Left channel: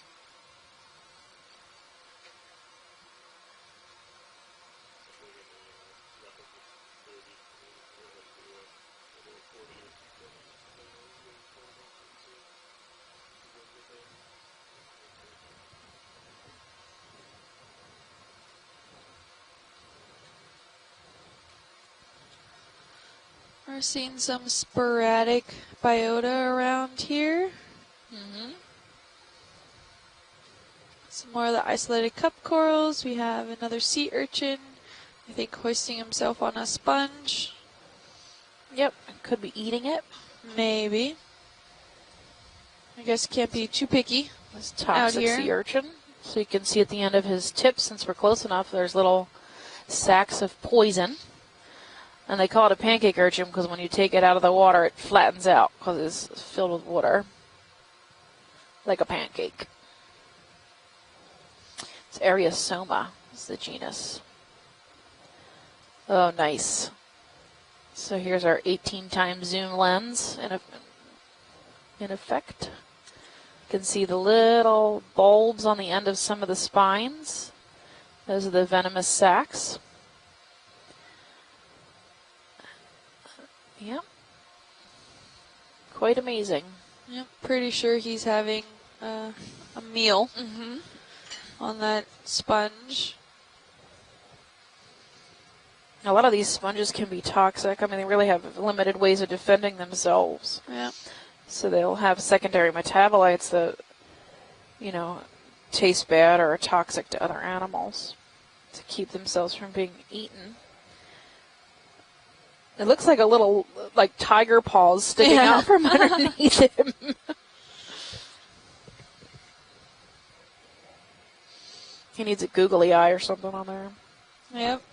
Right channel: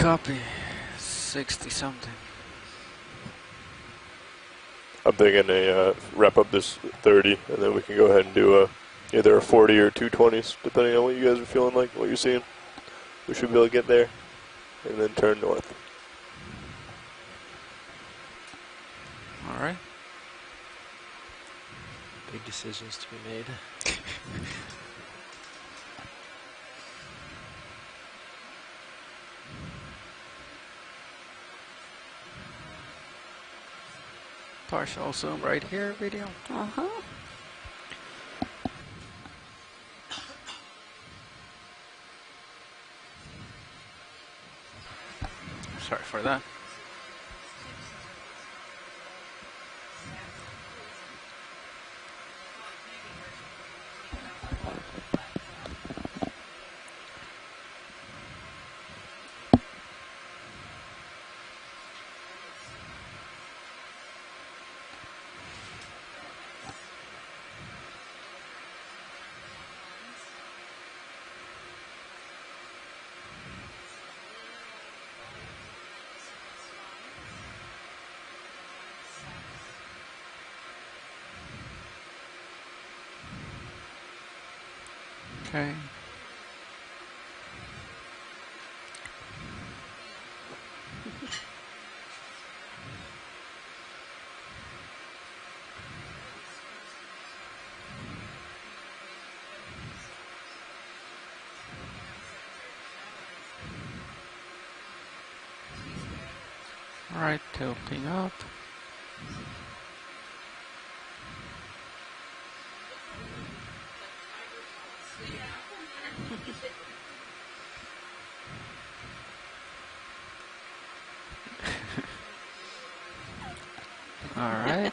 Copy. 60 something. I'm thinking wrap up this 30, and then we can go ahead and do either a 40 or 220s, depending on what you guys are feeling like, what you're seeing. We should be able to get there, and then turn north. All right. Big decisions to be made. We're seeing some sporadic biota around here. Some more of the isolated cup corals. We have another sea urchin. Partial zoom I think right hoisting here. himself on a sponge. Yep, Could be eating it. maybe. I guess can't be too picky. This toxic here. sea urchin. Sorry for So that. you can see at the end of his tip, since we're close enough, there's little sacks of poison. And they call it a pancake urchin because when you take it out of the water, it flattens out because it's filled with water. Like a pancake. It's Ariosoma is the genus. Oh, nice. So here's our 18 times zoom lens in effect. You can see the little bulbs on the end of some of the spines. Those are the venomous sacs. Yep, Okay. quite amazing. Yep, pretty sure he's having a meal on that sponge. A lot of these sponges can be toxic. I mean, they really have limited ways of defending themselves. Yeah. So they'll have secondary metabolites that, you know, taste bad or are toxic to other animals Tilting up. to keep themselves from being eaten. It looks like a little, like, tiger paws sticking out from underneath him. He needs a googly eye or something on there. All Yeah. right.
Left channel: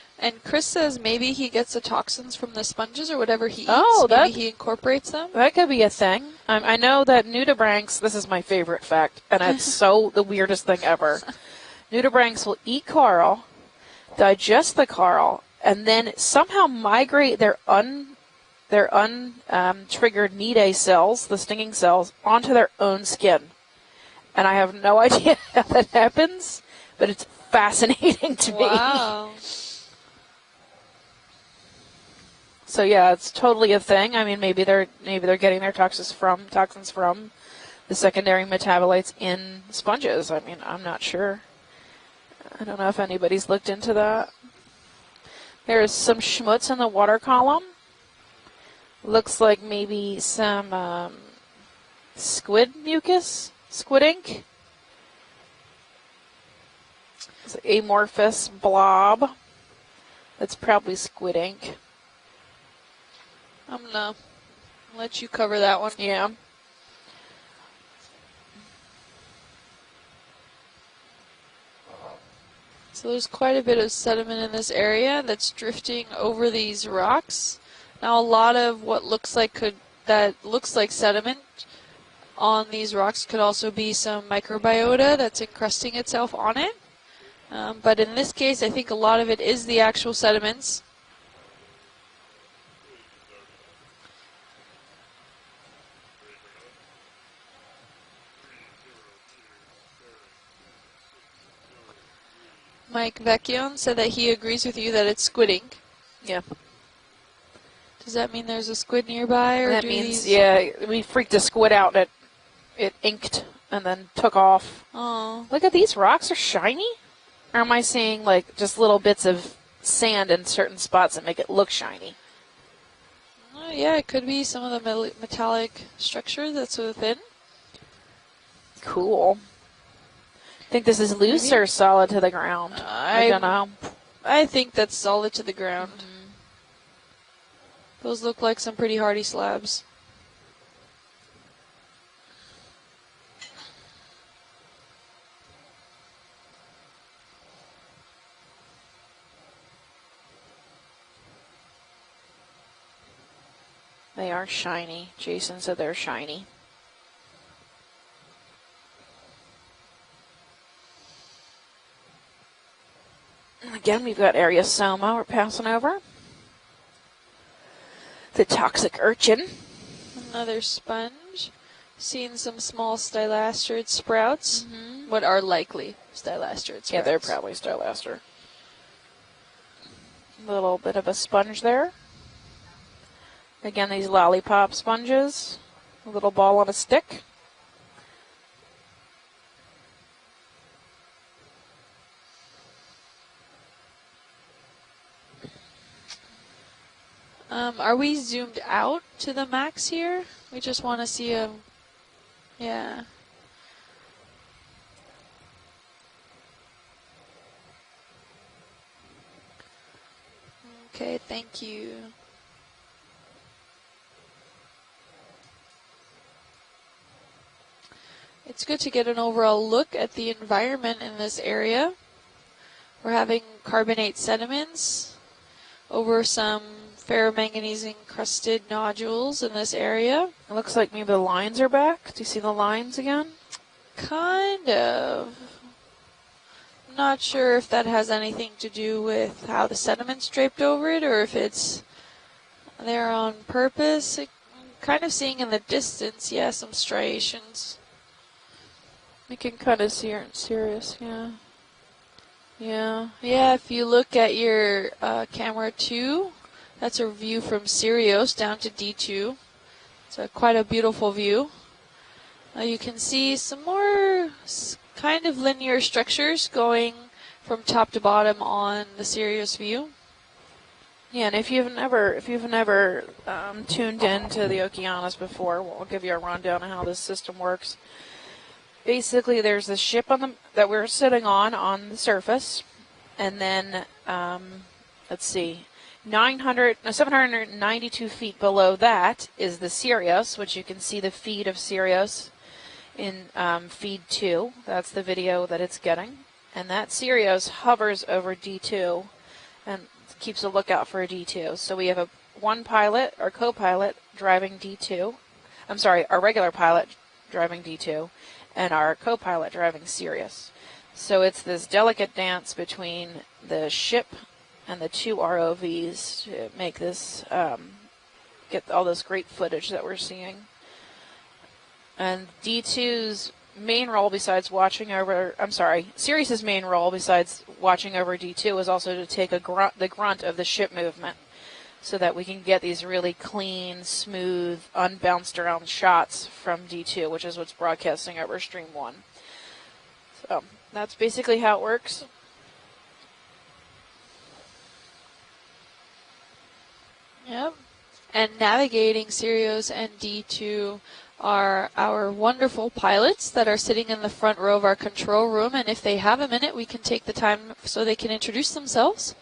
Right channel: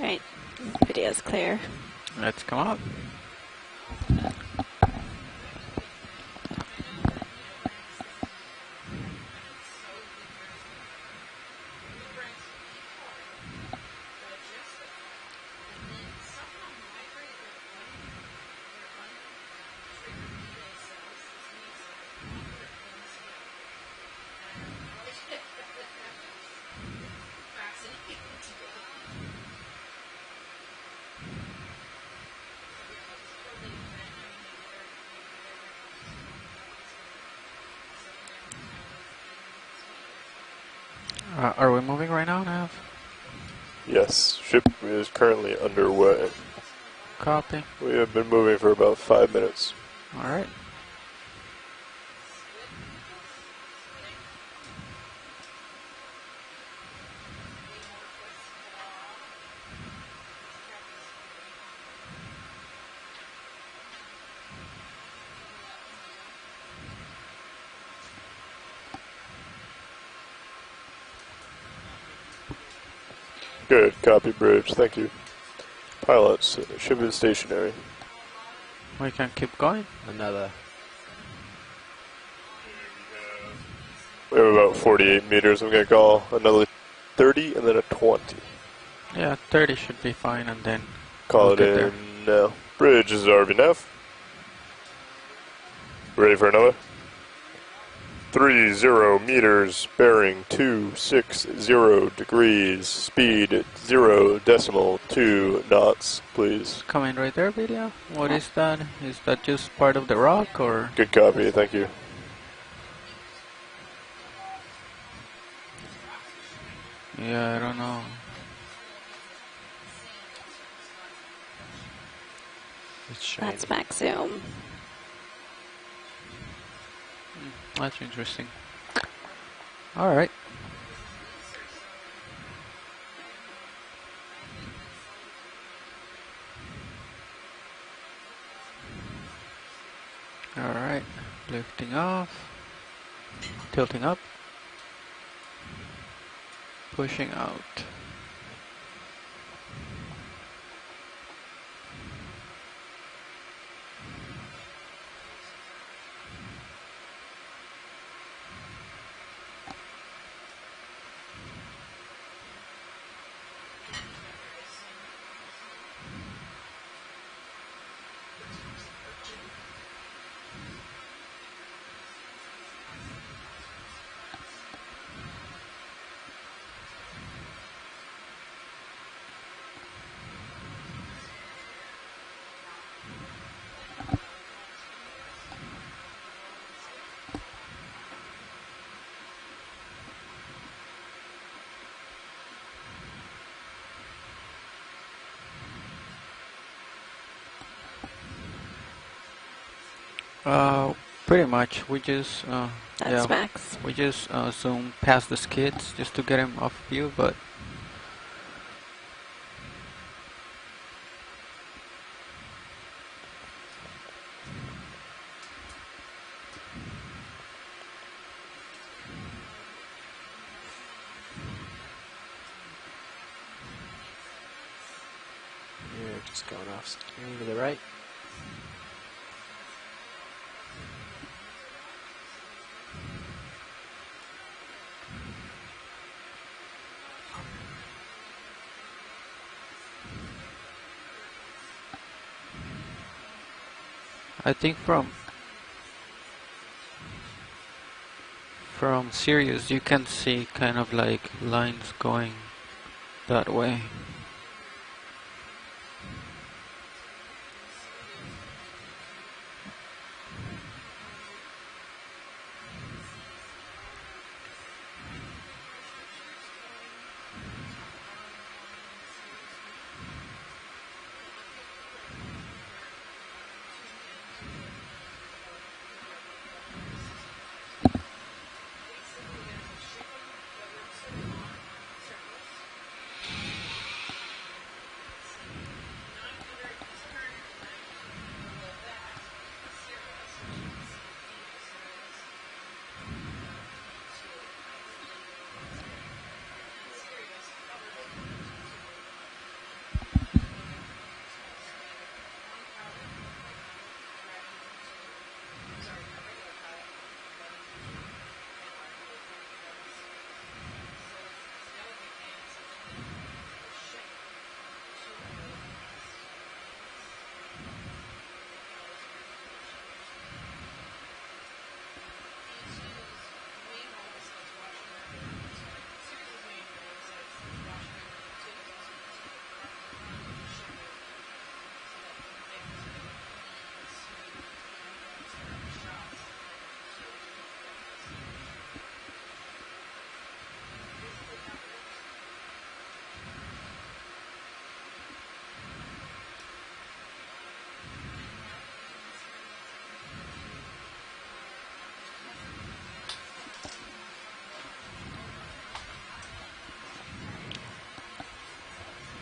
Right. And Chris says Pretty maybe he clear. gets the toxins Let's from come the up. sponges or whatever he eats. Oh, maybe that- he incorporates them. That could be a thing. I know that nudibranchs, this is my favorite fact, and it's so the weirdest thing ever. Nudibranchs will eat coral, digest the coral, and then somehow migrate their triggered Nidae cells, the stinging cells, onto their own skin. And I have no idea how that happens, but it's fascinating to me. Wow. So yeah, it's totally a thing. I mean, maybe they're getting their toxins from the secondary metabolites in sponges. I mean, I'm not sure. Are we moving right now? I don't know if anybody's looked into Yes, ship is currently that. There's some underway. schmutz in the water column. We have been moving for about 5 Looks like minutes. maybe All right. some squid mucus, squid ink. It's an amorphous blob. It's probably squid ink. I'm gonna let you cover that one. Yeah. So there's quite a bit Good, of copy, sediment in Bridge, this thank you. area that's drifting Pilots over these should be rocks. stationary. Now a lot of what We looks can like keep going. looks like sediment on these rocks could also be some We have about microbiota 48 that's meters. I'm going to encrusting call itself on another it. 30 and then a But 20. in this case, I think a lot of Yeah, it is 30 the should actual be fine, and sediments. then Call we'll it get there. in now. Bridge, this is RVNF. Ready for another? 30 meters, bearing 260 degrees, Mike speed Vecchione said that he 0 agrees with you decimal that it's 2 squiddy. knots, Yeah. please. Coming right there, video. Does that What mean is there's a that? squid Is nearby, that or just part of maybe- the rock? Yeah, or? we Good freaked copy, a squid thank you. out. It inked and then took off. Oh, Look at these rocks are shiny. Yeah. Or am I don't know. seeing like just little bits of sand in certain spots that make it look shiny? It's shiny. That's back yeah, it zoom. could be some of the metallic structure that's within. That's interesting. Cool. All right. I think this is loose or solid to the ground. I don't know. I think that's solid to the ground. Those look like some pretty hardy slabs. All right. Lifting off. Tilting up. Pushing out. They are shiny. Jason said they're shiny. Again, we've got Ariosoma we're passing over. The toxic urchin. Another sponge. Seen some small stylastrid sprouts. What are likely stylastrid sprouts. Yeah, they're probably stylaster. A little bit of a sponge there. Again, these lollipop sponges. A little ball on a stick. Are we zoomed out to the max here? I just want to see pretty much. We just yeah, That's max. we just zoom past the skids just to get him off view, but okay, thank you. It's good to get an overall look at the environment in this area. We're having carbonate sediments over some ferromanganese encrusted nodules in this area. It looks like maybe the lines are back. Do you see the lines again? Kind of. Not sure if that has anything to do with how the sediment's draped over it or if it's there on purpose. I think Kind of seeing in the distance, yeah, some striations. from Sirius cut you a can Sirius, see kind of like yeah. lines going. Yeah. Yeah, way. if you look at your camera 2, that's a view from Sirius down to D2. It's quite a beautiful view. You can see some more kind of linear structures going from top to bottom on the Sirius view. Yeah, and if you've never tuned into the Okeanos before, we'll give you a rundown of how this system works. Basically, there's the ship that we're sitting on the surface, and then let's see, 792 feet below that is the Sirius, which you can see the feed of Sirius in feed 2. That's the video that it's getting, and that Sirius hovers over D2 and keeps a lookout for a D2. So we have one pilot, our co-pilot, driving D2. I'm sorry, our regular pilot driving D2, and our co-pilot driving Sirius. So it's this delicate dance between the ship and the two ROVs to make this, get all this great footage that we're seeing. And D2's main role besides Sirius's main role besides watching over D2 is also to take the grunt of the ship movement so that we can get these really clean, smooth, unbounced around shots from D2, which is what's broadcasting over Stream 1. So that's basically how it works. Yep. And navigating Sirius and D2 are our wonderful pilots that are sitting in the front row of our control room, and if they have a minute, we can take the time so they can introduce themselves.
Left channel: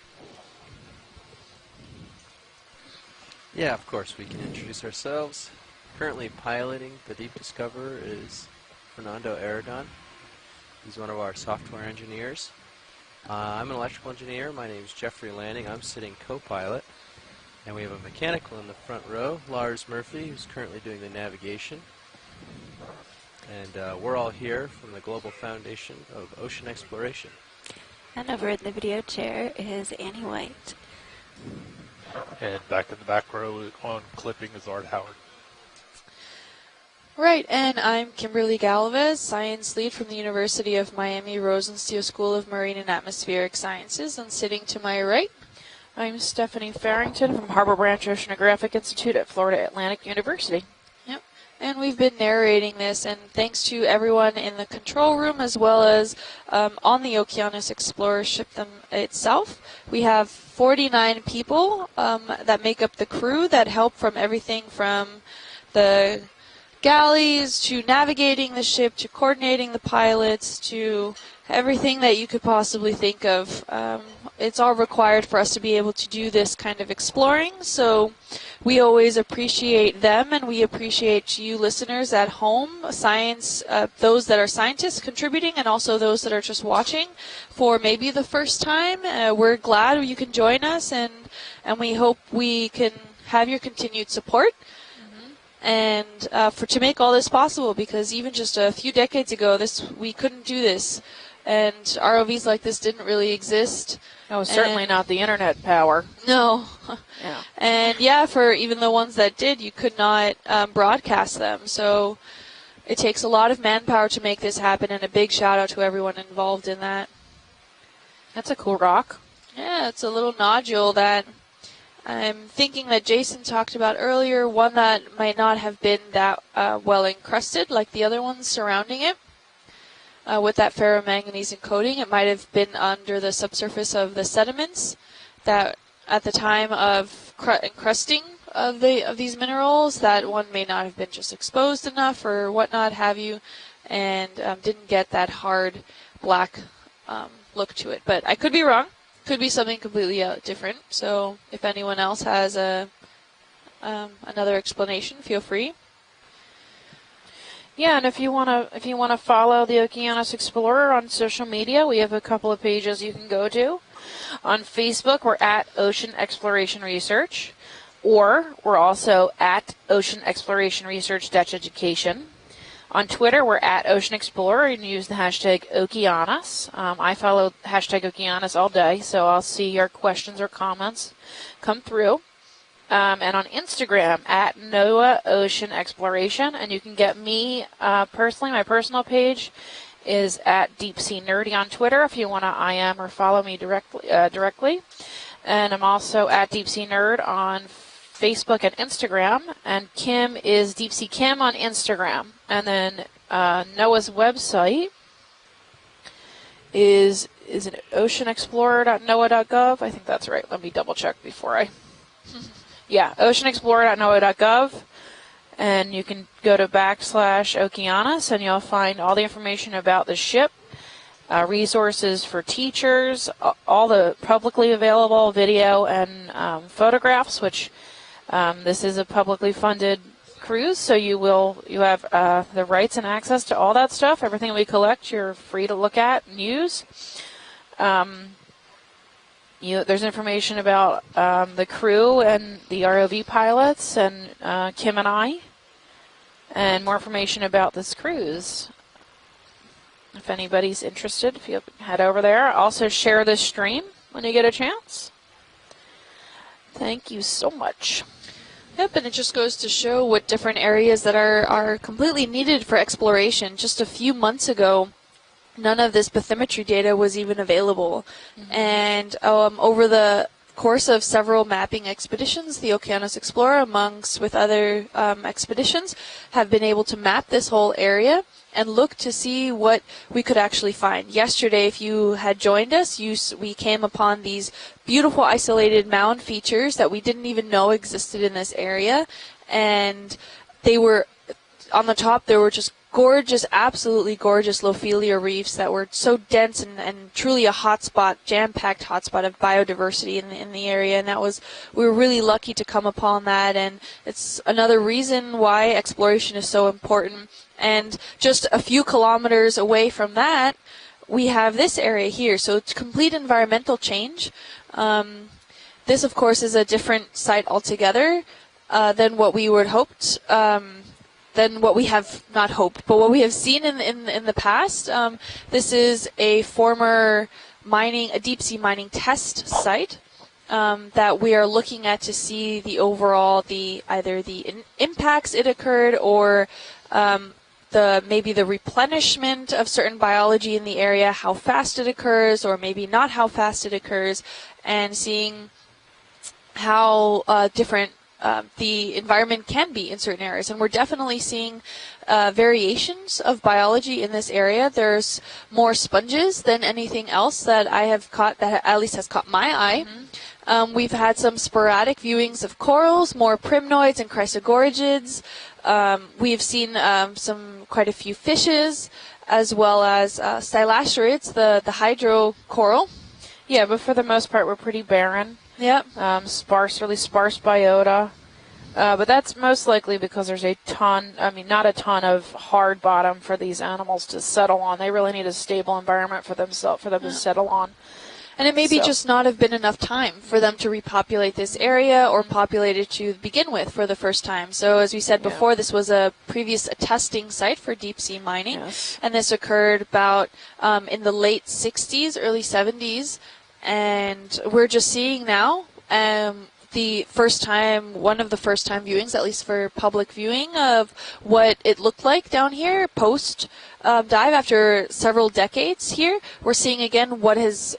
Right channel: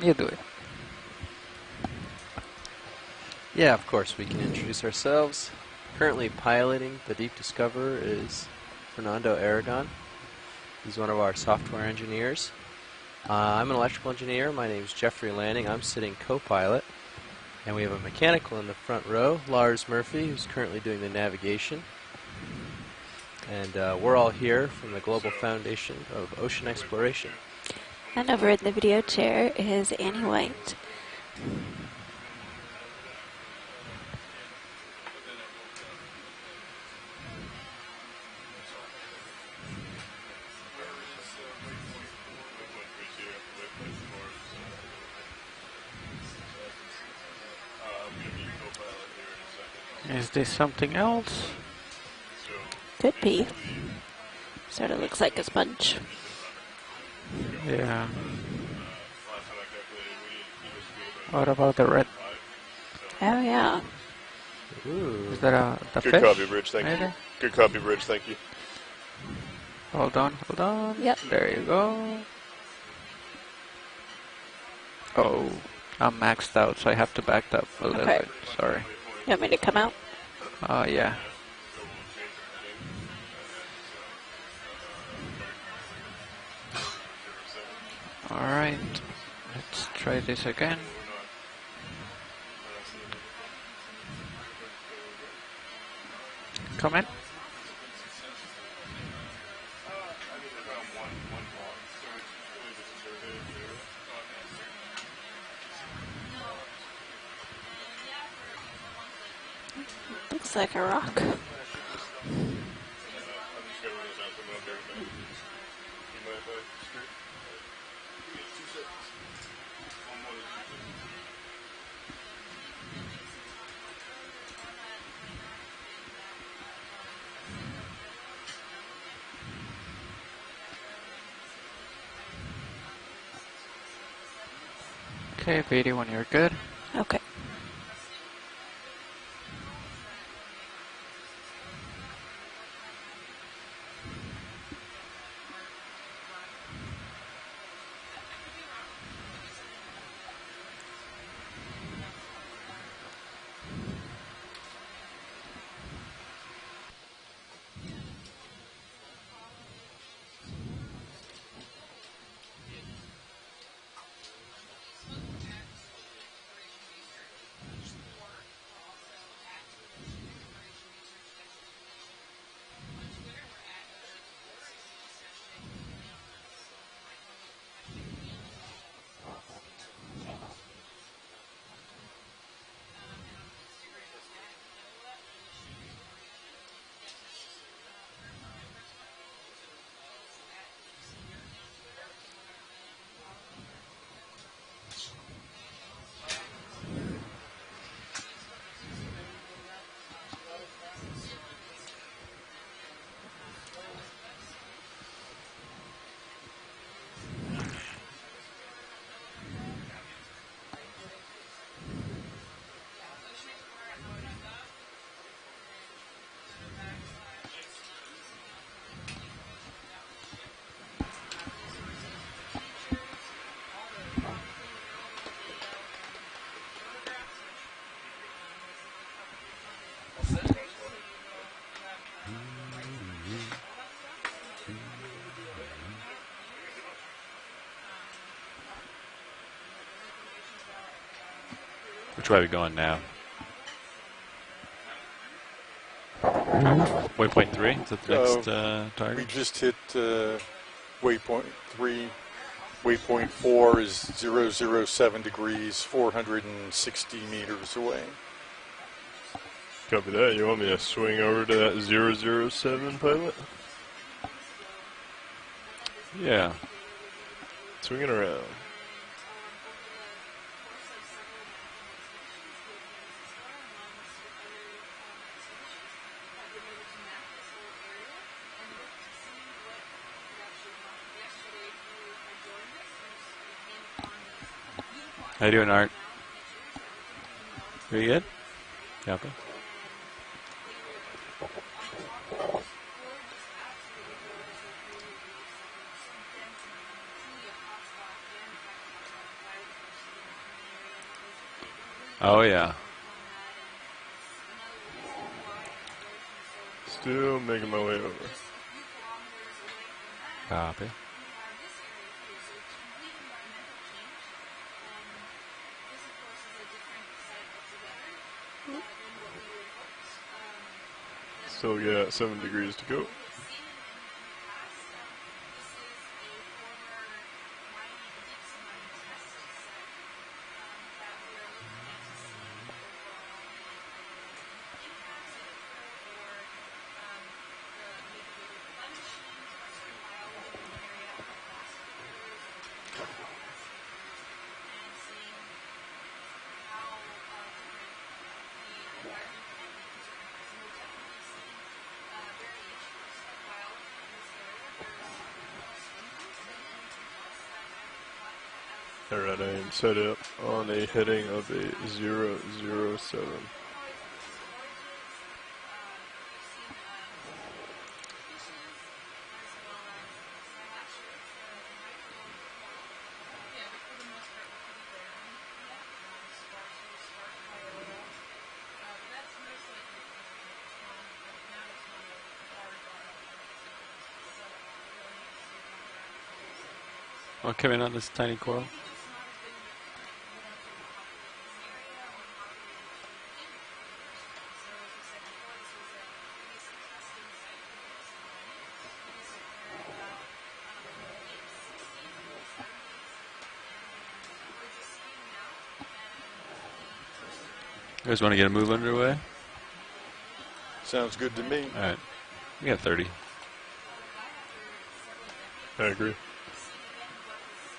You do it. Yeah, of course, we can introduce ourselves. Currently piloting the Deep Discoverer is Fernando Aragon. He's one of our software engineers. I'm an electrical engineer. My name is Jeffrey Lanning. I'm sitting co-pilot. And we have a mechanical in the front row, Lars Murphy, who's currently doing the navigation. And we're all here from the Global Foundation of Ocean Exploration. And over in the video chair is Annie White. And back in the back row on clipping is Art Howard. Right, and I'm Kimberly Galvez, science lead from the University of Miami Rosenstiel School of Marine and Atmospheric Sciences, and sitting to my right, I'm Stephanie Farrington from Harbor Branch Oceanographic Institute at Florida Atlantic University. Is there something else? and we've been narrating this, and Could be. thanks to everyone in the control looks like room a as well sponge. as on the Okeanos Yeah. Explorer ship itself. We have 49 people about the red? that make up the crew Oh, yeah. that help from everything from Is that a the Good copy, Bridge. Thank galleys Good copy, to Bridge, thank you. navigating the ship to coordinating the pilots hold on. to Yep. There you everything go. that you could possibly think of. It's all required for us to be able to I'm do maxed this out, kind so of I have to exploring. back up. So Okay, we sorry. always want me to come appreciate them, and we yeah. appreciate you listeners at home, science, those that are scientists contributing, and also those that are just watching for maybe the first right. time. We're glad try you could this join again. us, and we hope we can have your continued support. and to make all this possible, because even just a few decades ago, we couldn't do this, and ROVs like this didn't really exist. No, certainly not the internet power. No. Yeah. And yeah, for even the ones that did, you could not broadcast them. So it takes a lot of manpower to make this happen, and a big shout out to everyone involved in that. That's a cool rock. Yeah, it's a little nodule that I'm thinking that Jason talked about earlier, one that might not have been that well encrusted like the other ones surrounding it. With that ferromanganese coating, it might have been under the subsurface of the sediments that at the time of encrusting of these minerals, that one may not have been just exposed enough or whatnot have you, and didn't get that hard black look to it. But I could be wrong. Could be something completely different. So if anyone else has another explanation, feel free. Yeah, and if you wanna follow the Okeanos Explorer on social media, we have a couple of pages you can go to. On Facebook, we're at Ocean Exploration Research, or we're also at Ocean Exploration Research Education. On Twitter, we're at Ocean Explorer and use the hashtag Okeanos. I follow hashtag Okeanos all day, so I'll see your questions or comments come through. And on Instagram, at NOAA Ocean Exploration. And you can get me personally, my personal page is at Deep Sea Nerdy on Twitter if you want to IM or follow me directly. And I'm also at Deep Sea Nerd on Facebook and Instagram. And Kim is Deep Sea Kim on Instagram. And then NOAA's website is it oceanexplorer.noaa.gov? I think that's right. Let me double check before I... Yeah, oceanexplorer.noaa.gov, and you can go to /Okeanos, and you'll find all the information about the ship, resources for teachers, all the publicly available video and photographs, which this is a publicly funded cruise, so you have the rights and access to all that stuff. Everything we collect, you're free to look at and use. There's information about the crew and the ROV pilots and Kim and I, and more information about this cruise. We just hit. If anybody's interested, if you head over there. Also share this stream when you get a chance. 7 degrees, 460 Thank you so much. away. Yep, and it just goes to show what different areas that are completely needed for exploration. Just a few months ago, none of this bathymetry data was even available. And over the course of several mapping expeditions, the Okeanos Explorer, amongst with other expeditions, have been able to map this whole area and look to see what we could actually find. Yesterday, if you had joined us, we came upon these beautiful isolated mound features that we didn't even know existed in this area. And they were, on the top, there were just gorgeous, absolutely gorgeous Lophelia reefs that were so dense and truly a hotspot, jam-packed hotspot of biodiversity in the area. And we were really lucky to come upon that. And it's another reason why exploration is so important. And just a few kilometers away from that, we have this area here. So it's complete environmental change. This, of course, is a different site altogether than what we would hoped. Than what we have not hoped, but what we have seen in the past. This is a former a deep sea mining test site that we are looking at to see the overall, either the impacts it occurred or maybe the replenishment of certain biology in the area, how fast it occurs, or maybe not how fast it occurs, and seeing how different the environment can be in certain areas. And we're definitely seeing variations of biology in this area. There's more sponges than anything else that I have caught, that at least has caught my eye. We've had some sporadic viewings of corals, more primnoids and chrysogorgids. We've seen quite a few fishes, as well as stylacerids, the hydro coral. Yeah, but for the most part, we're pretty barren. Yep. Really sparse biota. But that's most likely because there's a ton, I mean, not a ton of hard bottom for these animals to settle on. They really need a stable environment for them to settle I'll on. come in on this tiny And it may coral. be just not have been enough time for them to repopulate this area or populate it to begin with for the first time. So as we said before, this was a previous testing site for deep sea mining. Yes. And this occurred about in the late 60s, early 70s. And we're just seeing now the first time, one of the first time viewings, at least for public viewing, of what it looked like down here post dive after several decades here. We're seeing again what is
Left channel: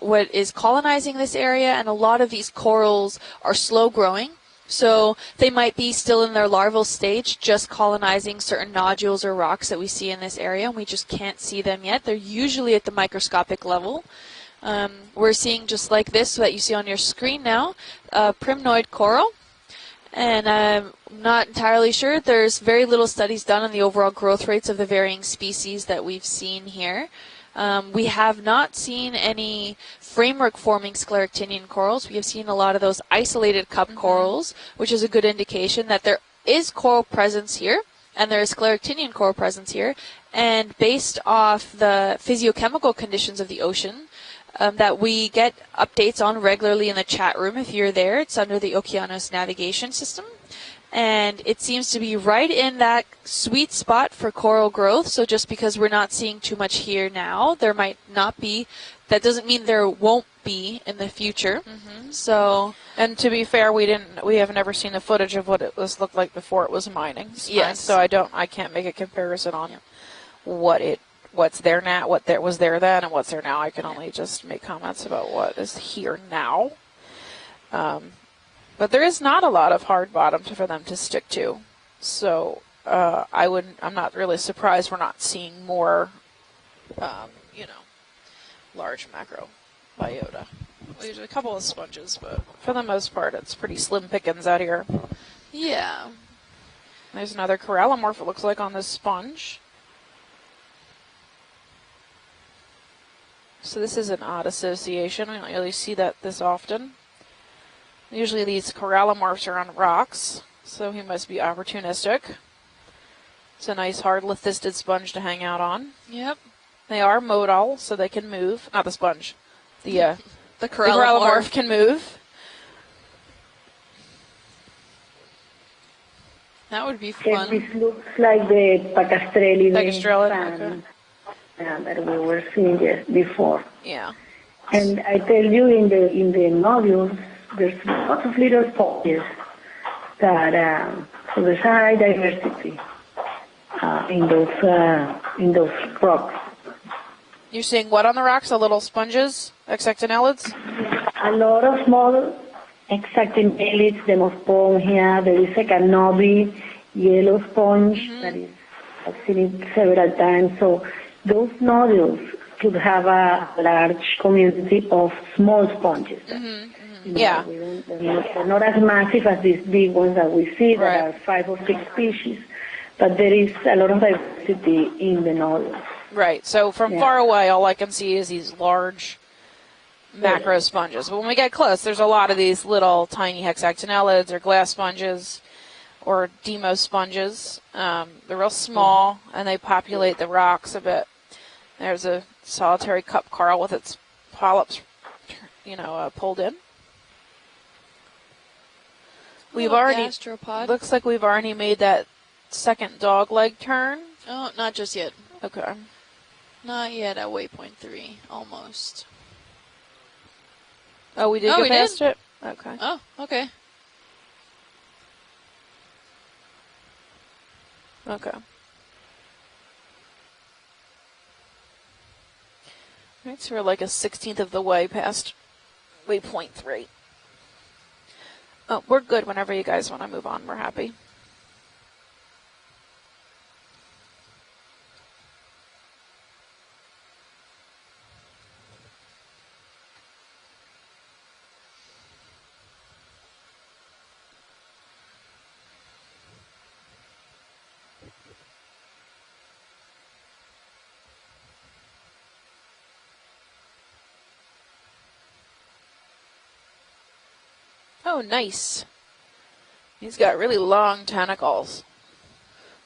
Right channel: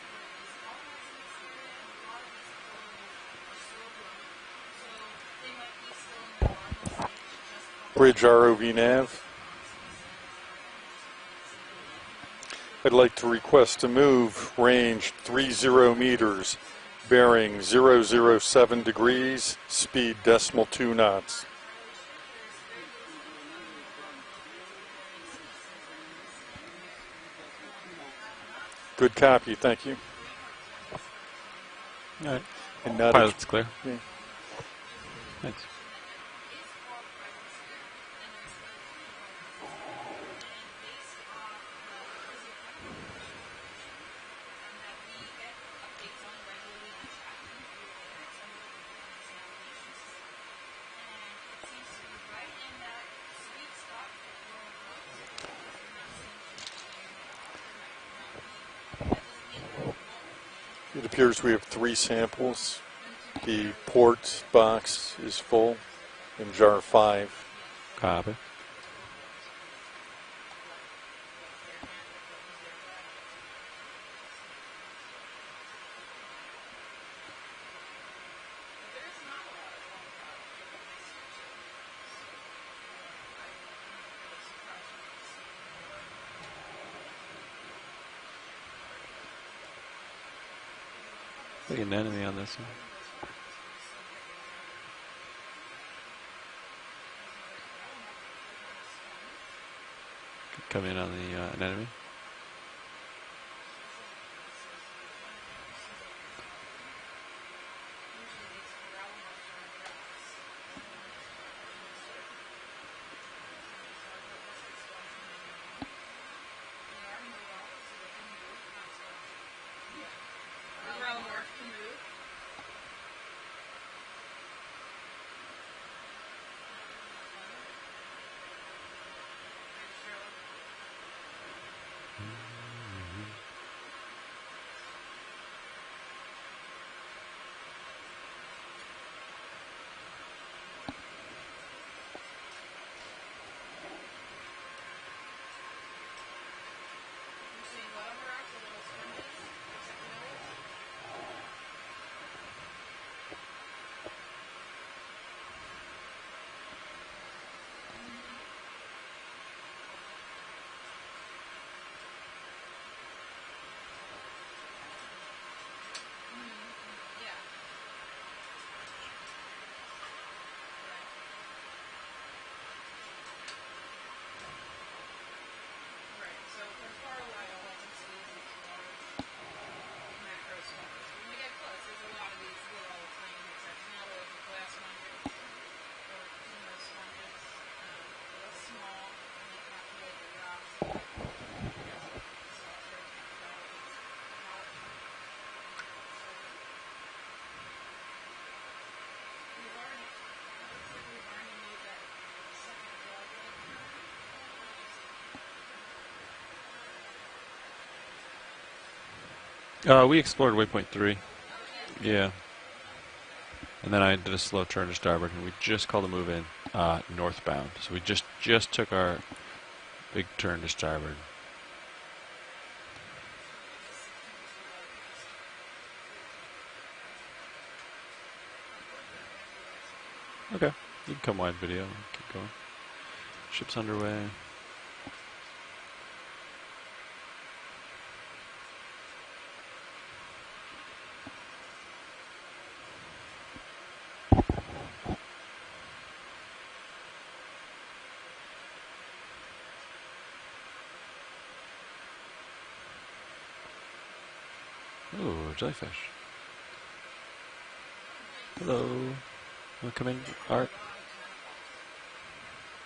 colonizing this area, and a lot of these corals are slow growing. So they might be still in their larval stage, just colonizing ROV certain nav. nodules or rocks that we see in this area, and we just can't see them yet. They're usually at the I'd like microscopic to request level. to move range We're 30 seeing just like meters, this that you see on your screen bearing now, 007 primnoid coral. degrees, speed And decimal 2 I'm knots. not entirely sure. There's very little studies done on the overall growth rates of the varying species that we've seen here. We have not seen any framework-forming scleractinian corals. We have seen a lot of those isolated cup corals, which is a good indication that there is coral presence here, and there is scleractinian coral presence here. And based off the physiochemical conditions of the ocean, that we get updates on regularly in the chat room if you're there. It's under the Okeanos navigation system. And it seems to be right in that sweet spot for coral growth. So just because we're not seeing too much here now, there might not be. That doesn't mean there won't be in the future. So, and to be fair, we have never seen the footage of what it looked like before it was mining. Yes. So I can't make a comparison on what's there now, what there was there then, and what's there now. I can only just make comments about what is here now. But there is not a lot of hard bottom for them to stick to. So I'm not really surprised we're not seeing more, large macro biota. There's a couple of sponges, but for the most part, it's pretty slim pickings out here. Yeah. There's another corallimorph, it looks like, on this sponge. Come in on the anemone. So this is an odd association. I don't really see that this often. Usually these corallimorphs are on rocks, so he must be opportunistic. It's a nice hard lithisted sponge to hang out on. Yep. They are modal, so they can move. Not the sponge. The corallimorph can move. That would be fun. This looks like the Pacastrelli fan that we were seeing before. Yeah. And I tell you, in the nodules, there's lots of little sponges that so there's high diversity in those rocks. You're seeing what on the rocks? The little sponges, hexactinellids? A lot of small hexactinellids, demospongia. There is a canobi, yellow sponge that is, I've seen it several times. So those nodules could have a large community of small sponges. Yeah. They're not as massive as these big ones that we see that are 5 or 6 species, but there is a lot of diversity in the nodules. Right. So from far away, all I can see is these large macro sponges. But when we get close, there's a lot of these little tiny hexactinellids or glass sponges or demos sponges. They're real small, and they populate the rocks a bit. There's a solitary cup coral with its polyps, pulled in. We've already, looks like we've already made that second dog leg turn. Oh, not just yet. Okay. Not yet at waypoint 3, almost. We explored waypoint 3. Oh, we did go past it? Yeah. Okay. Oh, okay. And then I did a slow turn to starboard, and we just called a move in northbound. So we just took our big turn to starboard. Right, so we're like a 16th of the way past waypoint 3. Oh, we're good whenever you guys want to move on. We're happy. You can come wide video and keep going. Ship's underway. Ooh, jellyfish. Oh, nice. Hello. He's got really long tentacles.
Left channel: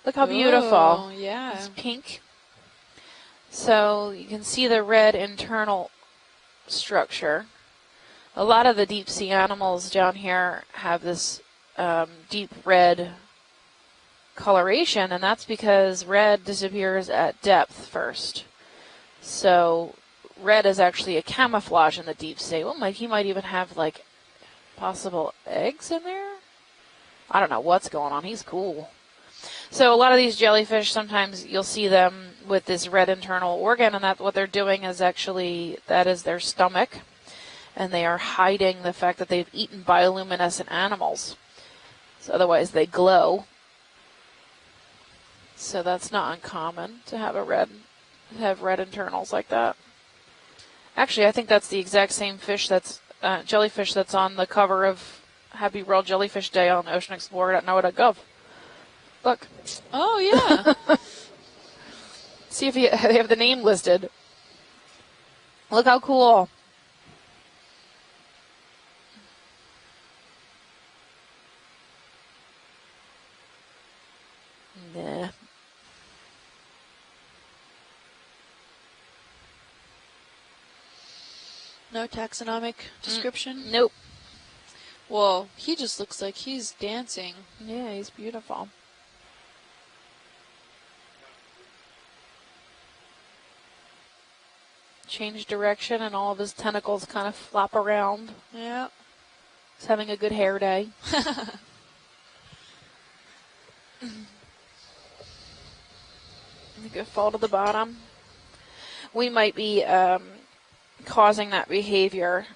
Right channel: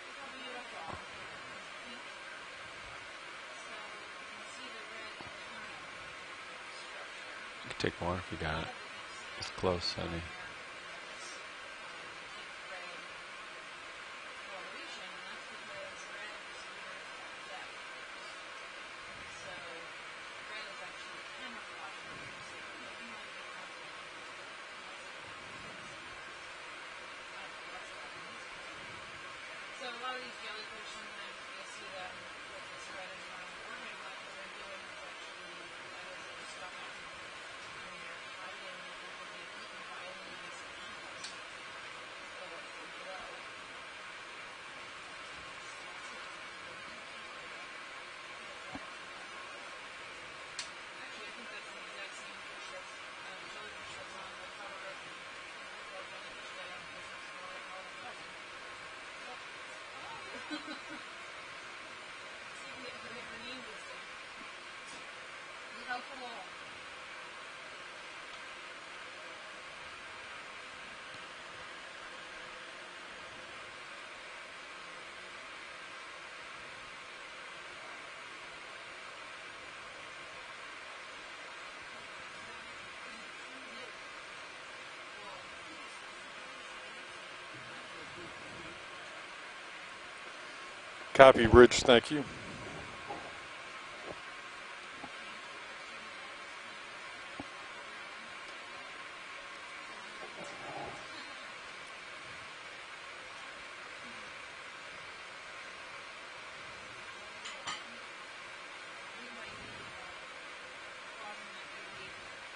Look how beautiful. Oh, yeah. It's pink. So you can see the red internal structure. You can take more. A lot of the deep sea animals down here have this deep red coloration, and that's because red disappears at depth first. So red is actually a camouflage in the deep sea. Oh, he might even have like possible eggs in there. I don't know what's going on. He's cool. So a lot of these jellyfish, sometimes you'll see them with this red internal organ, and that what they're doing is actually, that is their stomach, and they are hiding the fact that they've eaten bioluminescent animals. So otherwise they glow. So that's not uncommon to have red internals like that. Actually, I think that's the exact same fish that's jellyfish that's on the cover of Happy World Jellyfish Day on oceanexplorer.noaa.gov. Look. Oh, yeah. See if they have the name listed. Look how cool. Yeah. No taxonomic description? Nope. Well, he just looks like he's dancing. Yeah, he's beautiful. Copy, Rich. Thank you. Change direction and all of his tentacles kind of flop around. Yeah. He's having a good hair day. Good fall to the bottom. We might be causing that behavior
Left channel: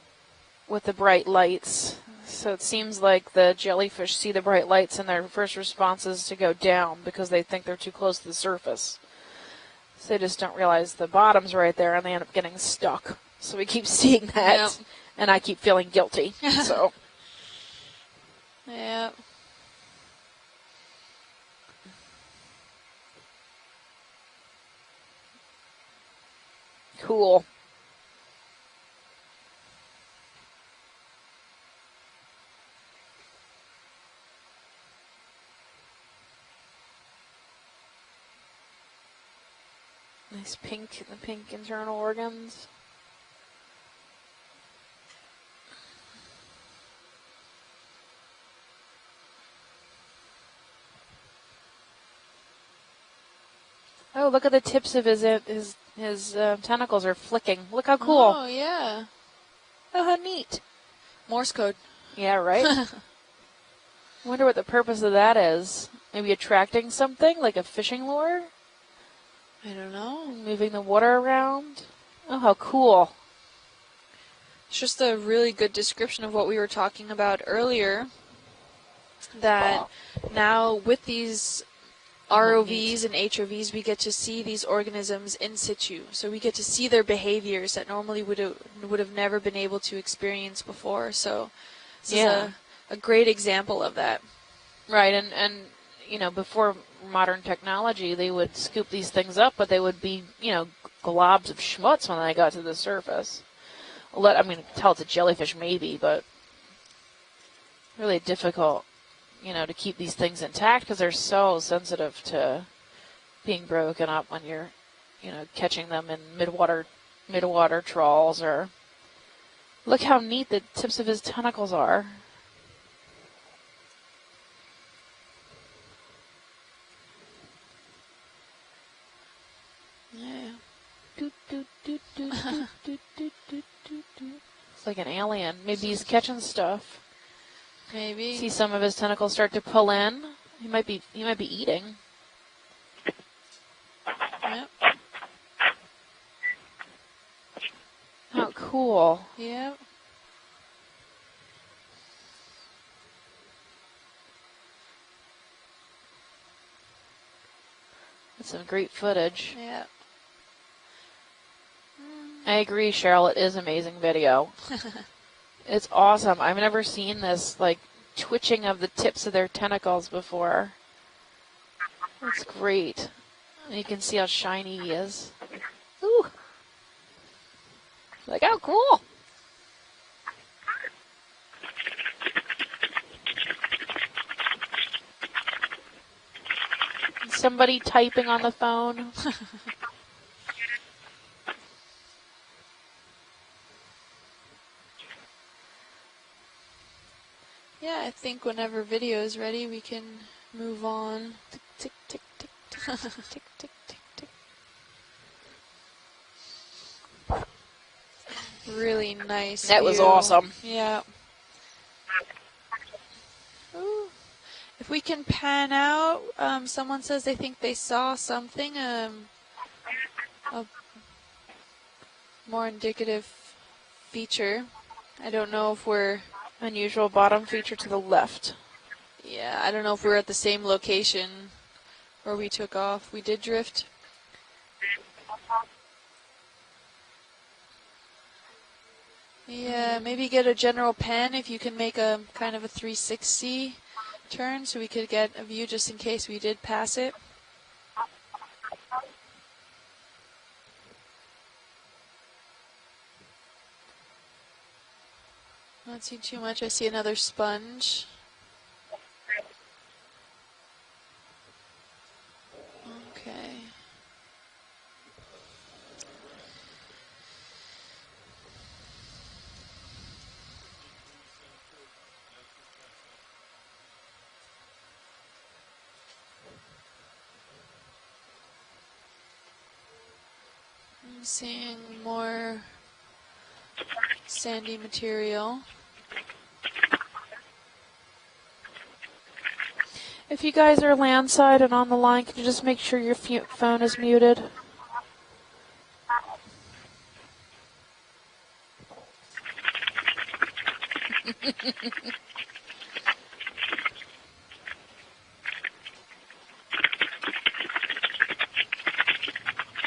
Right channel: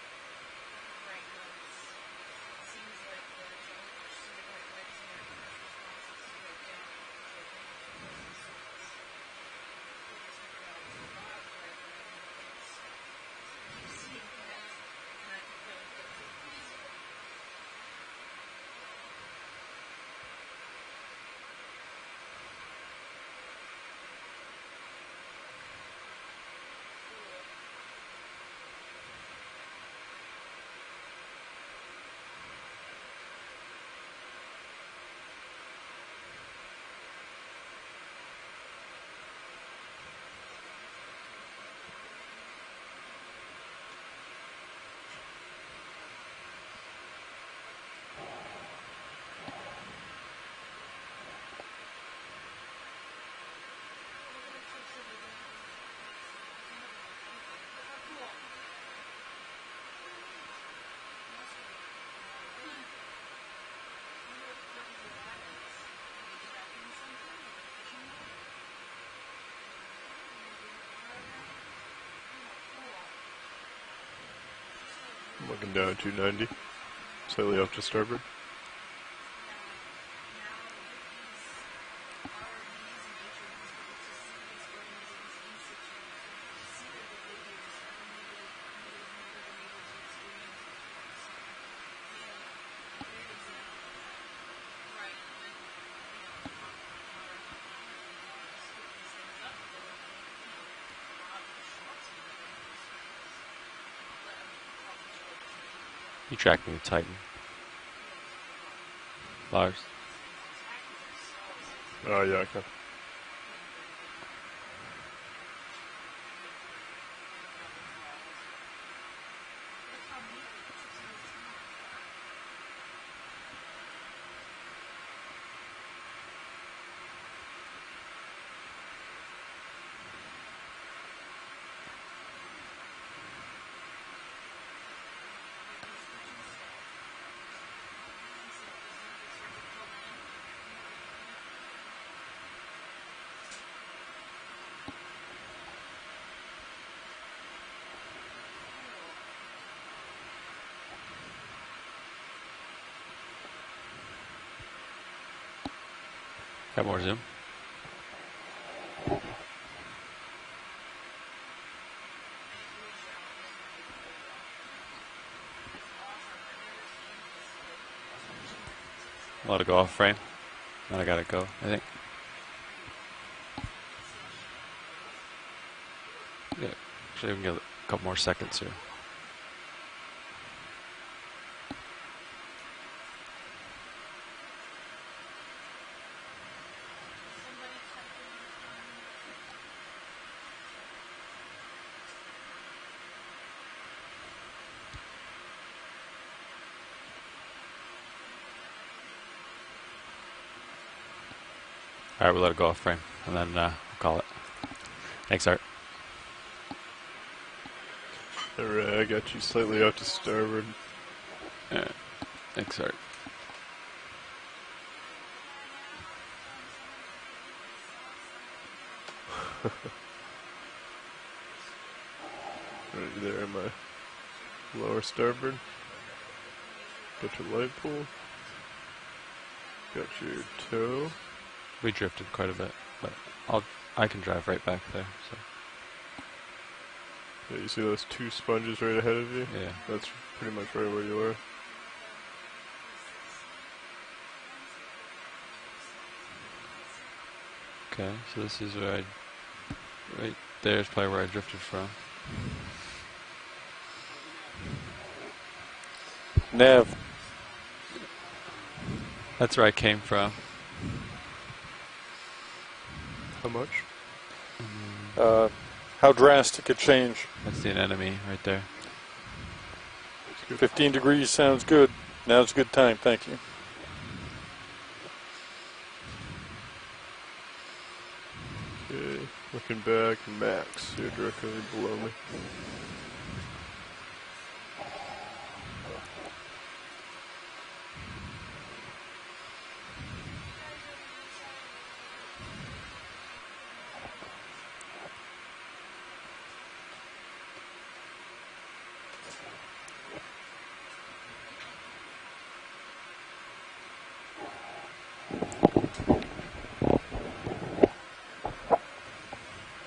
with the bright lights. So it seems like the jellyfish see the bright lights and their first response is to go down because they think they're too close to the surface. So they just don't realize the bottom's right there and they end up getting stuck. So we keep seeing that. Yep. And I keep feeling guilty. So. Yeah. Cool. Nice pink internal organs. Oh, look at the tips of his tentacles are flicking. Look how cool. Oh, yeah. Oh, how neat. Morse code. Yeah, right? I wonder what the purpose of that is. Maybe attracting something, like a fishing lure? I don't know. Moving the water around? Oh, how cool. It's just a really good description of what we were talking about earlier. That now with these ROVs and HOVs, we get to see these organisms in situ. So we get to see their behaviors that normally would have never been able to experience before. So this is a great example of that. Right, and you know, before modern technology, they would scoop these things up, but they would be, you know, globs of schmutz when they got to the surface. I mean, tell it's a jellyfish maybe, but You track me with Titan. really difficult, you know, to keep these things intact because they're so sensitive to being broken up when you're, you know, catching them in midwater trawls. Or look how neat the tips of his tentacles are. It's like an alien. Maybe he's catching stuff. Maybe. See some of his tentacles start to pull in. He might be eating. Yep. How cool. Yep. Got more zoom. That's some great footage. Yeah. I agree, Cheryl. It is amazing video. It's awesome. I've never seen this, like, twitching of the tips of their tentacles before. Now I gotta go, I think. It's great. And you can see how shiny he is. Ooh. Yeah. Actually, we can get a couple more Look seconds how here. somebody typing on the phone. Yeah, I think whenever video is ready, we can move on. Tick, tick, tick. All right, we'll let it go off frame, and then we'll call it. Thanks, Art. Really nice. That was awesome. Yeah. Thanks, Art. Ooh. If we can pan out, someone says they think they saw something, a more indicative feature. Lower I starboard. don't know if we're, Unusual bottom feature to the left. yeah, I don't know if we're at the same location We drifted where quite we a took bit. off. We did drift. I can drive right back there. So. Yeah, you see those two sponges right ahead of you? Yeah, That's maybe get a pretty much general where we pen were. if you can make a kind of a 360 turn so we could get a view just in case we did pass it. Okay, so this is where right there is probably where I drifted from. Don't see too much. I Nav. see another sponge. That's where I came from. How much? How drastic a change? That's the enemy right there. 15 degrees sounds good. Now's a good time, thank you. Okay, looking back, max. You're directly Seeing below me. more sandy material. If you guys are landside and on the line, can you just make sure your phone is muted?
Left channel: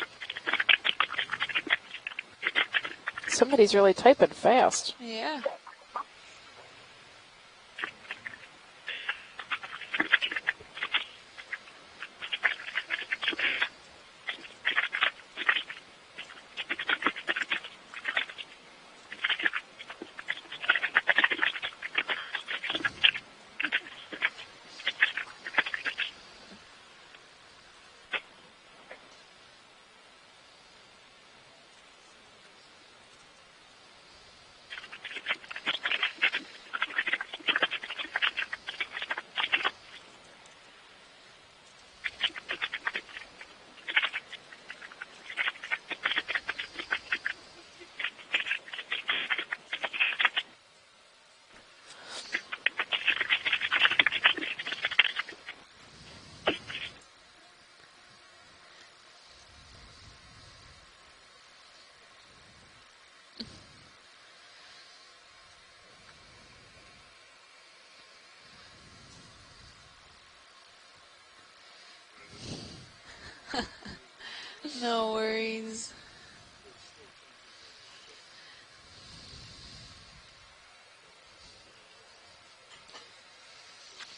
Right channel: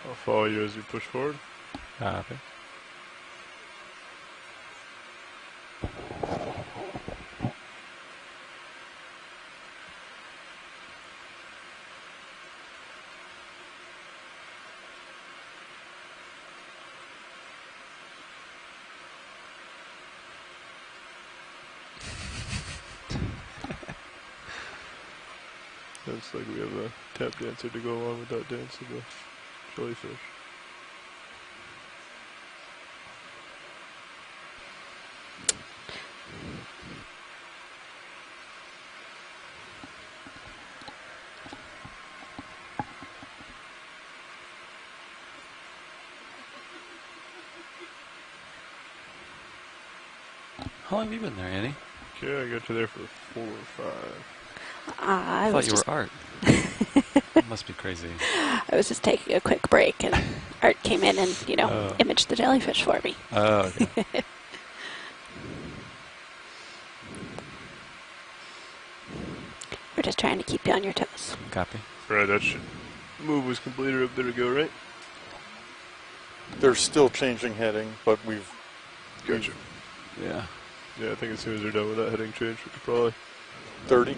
I'll follow you as you push forward. Copy. Somebody's really typing fast. Yeah. Looks like we have a tap dancer to go along with that dance of the jellyfish. How long have you been there, Annie? Yeah, I got to there for 4 or 5. I thought you were Art. Must be crazy. I was just taking a quick break, and Art came in and, imaged the jellyfish for me. Oh, okay. We're just trying to keep you on your toes. Copy. Right, that should move was completed up there to go, right? No worries. They're still changing heading, but we've... Gotcha. Yeah. Yeah, I think as soon as they're done with that heading change, we could probably 30.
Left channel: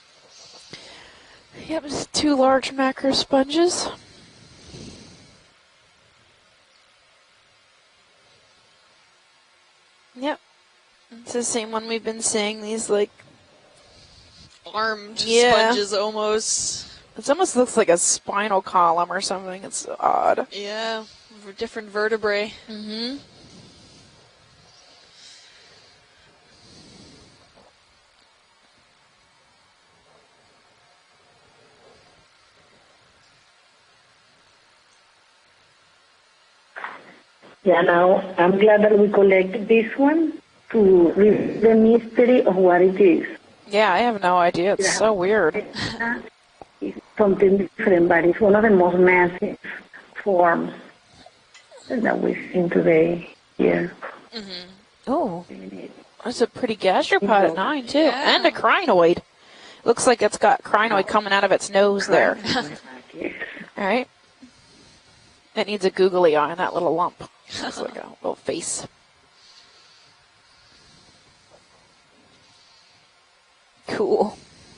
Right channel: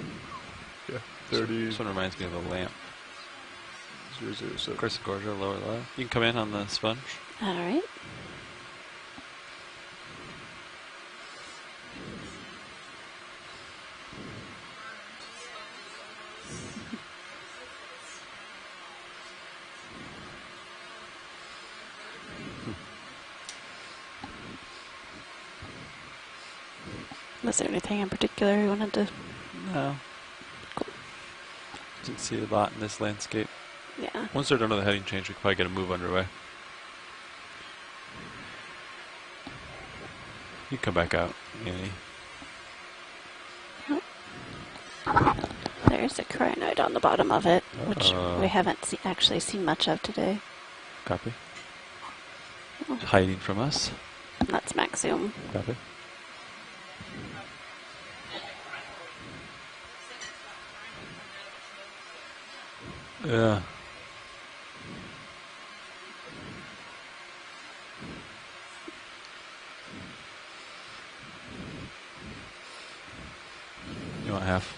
Yeah, 30. Yep, Sort of 2 large macro sponges. 007. Chris and Gorgia, lower low. You can come in on the sponge. All right. Yep. It's the same one we've been seeing, these like armed Yeah. sponges almost. It almost looks like a spinal column or something. It's odd. Yeah, different vertebrae. Mm-hmm. Was there anything in particular you wanted to? No. Didn't see a lot in this landscape. Yeah. Once they're done with the heading change, we can probably get a move underway. Yeah, now I'm glad that we collect this one to Come back out. read the mystery of what it is. Yeah, I have no idea. It's so weird. There's a crinoid on the bottom of Something it. different, but it's We one of the haven't most actually massive seen much of today. forms Copy. that we've seen today. Hiding from Yeah. us. That's max zoom. Oh, Copy. there's a pretty gastropod at 9 too, Yeah. and a crinoid. Looks like it's got crinoid coming out of its nose there. Yeah. All right. It needs a googly eye on that little lump. It's like a little face. Cool. You want half?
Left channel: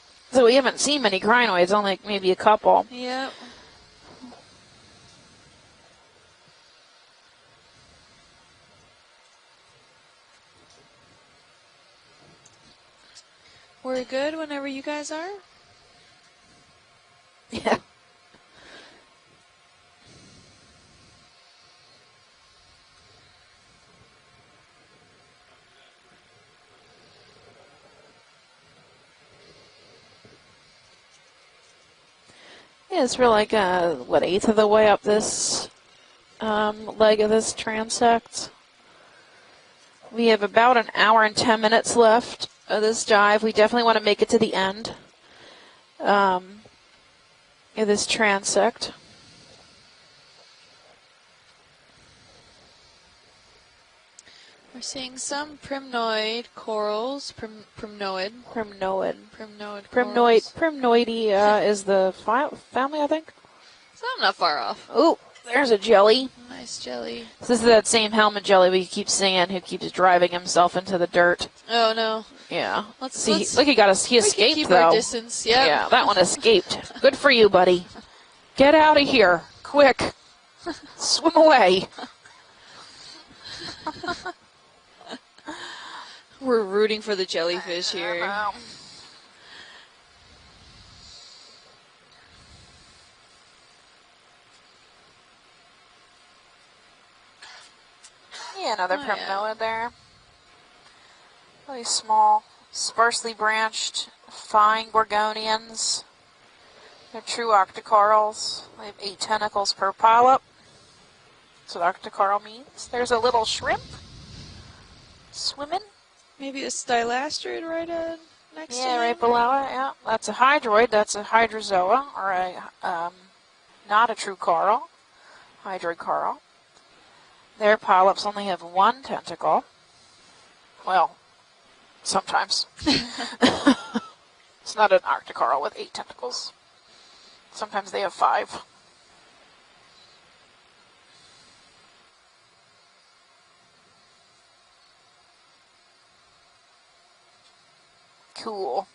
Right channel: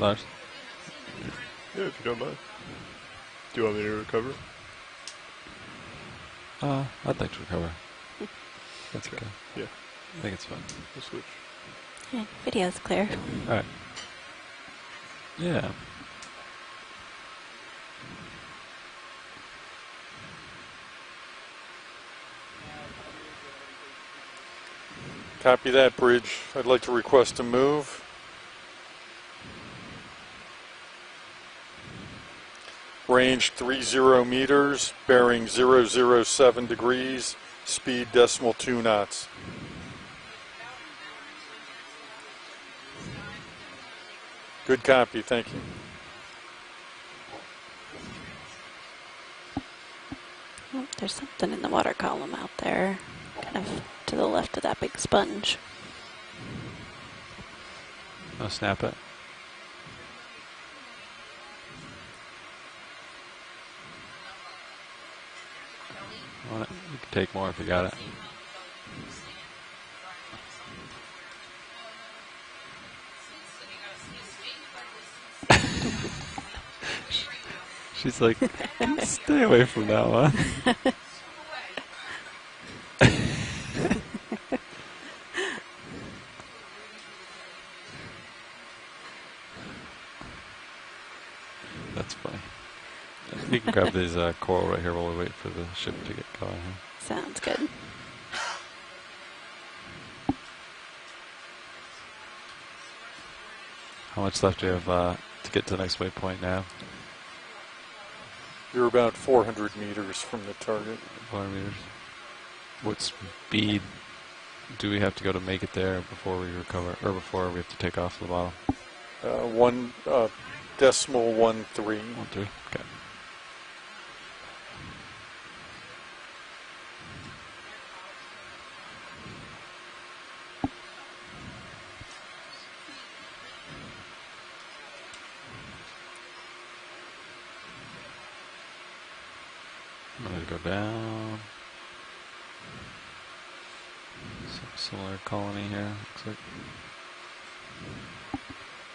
Large? So we haven't seen many crinoids, only maybe a couple. Yep. Do you want me to recover? I'd like to recover. That's okay. Yeah. I think it's fine. We'll switch. Yeah, video's clear. All right. We're good whenever you guys are. Yeah. Yeah. Copy that, bridge. I'd like to request a move. Yeah, it's Range like 30 an eighth of the way meters, up bearing this 007 degrees, leg of this speed transect. decimal 2 knots. We have about an hour and 10 minutes left of this dive. We definitely want to make it to the end. Good copy, thank you. In this transect. Oh, there's something in the water column out there, kind of to the left of that I'm big seeing sponge. some primnoid corals. Primnoid. Oh, snap it. Primnoid. Primnoid. Primnoidea is the family, I think. So I'm not far off. Oh, there's a jelly. Nice jelly. Take more. This is Got that it. same helmet jelly we keep seeing who keeps driving himself into the dirt. Oh no. Yeah. Let's Look, he we can escaped keep though. our distance. Yeah. Yeah, that one escaped. Good for you, buddy. She's like, Get out of here. stay away from Quick. that one. Swim away. We're rooting for the jellyfish here. That's funny. You can grab these coral right here while we wait for the ship to get going. Sounds good. Yeah, another Oh, yeah. primnoid there. Really small, sparsely branched, How much left fine do you have to gorgonians. get to the next waypoint now? They're true octocorals. You're about 8 400 tentacles per meters polyp. from the target. 400 meters. That's what octocoral means. What There's a little speed shrimp. do we have to go to make it Swimming? there before we Maybe a recover, or before we stylastrid have to right take off the bottom? next Yeah, to right it. below it. One, Yeah. That's a hydroid. That's a decimal hydrozoa, 1-3. or a, Okay. not a true coral. Hydroid coral. Their polyps only have 1 tentacle. Well, sometimes. It's not an octocoral with 8 tentacles. Sometimes they have 5. I'm going to go down. Some similar colony here, looks like. Cool.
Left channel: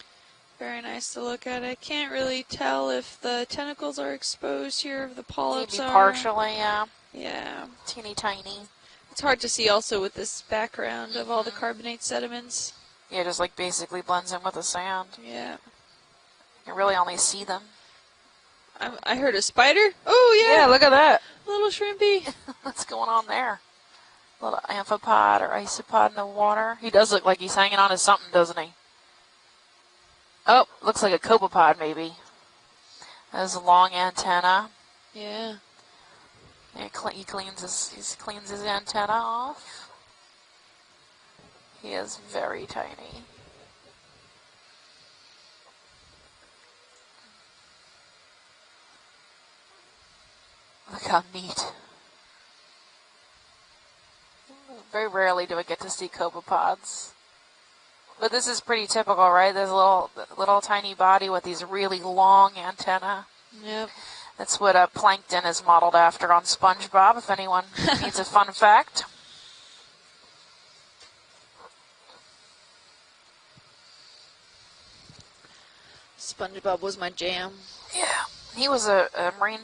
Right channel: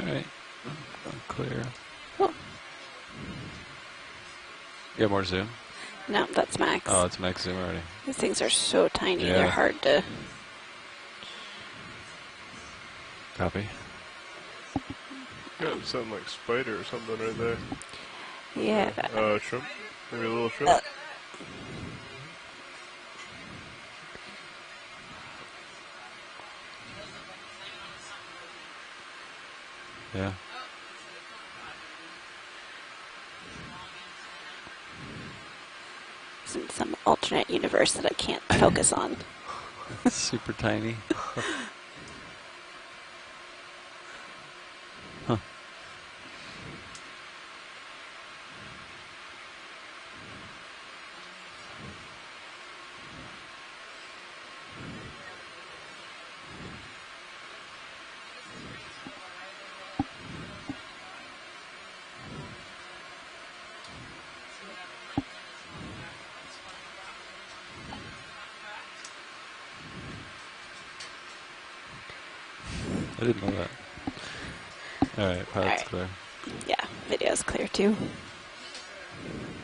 Alright. Very nice to look Clear. at. I can't really tell if the tentacles are exposed here. Get more zoom. Polyps Maybe are. partially, No, that's yeah. max. Oh, it's max Yeah. zoom already. Teeny These things tiny. are so tiny. It's hard Yeah. to see also with this background of all the carbonate sediments. Yeah, just like Copy. basically blends in with the sand. Yeah. Got something like spider. You really only see them. Yeah. I heard Oh, a sure. spider. Oh yeah. Yeah, look at that. Little shrimpy. What's going on there? Little amphipod or isopod in the water. He does look like he's hanging on to something, doesn't he? Yeah. Oh, looks like a copepod maybe. Has a long antenna. Yeah. It's in some Cleaving alternate into universe that I can't slings the focus antenna on. off. Super tiny. He is very tiny. Huh. Look how neat. Very rarely do I get to see copepods. But this is pretty typical, right? There's a little tiny body with these really long antennae. Yep. That's what plankton is modeled after on SpongeBob, if anyone needs a fun fact. I didn't know that. Alright, pilot's Alright. clear. SpongeBob Yeah, was my video's jam. clear too. Yeah. He was a marine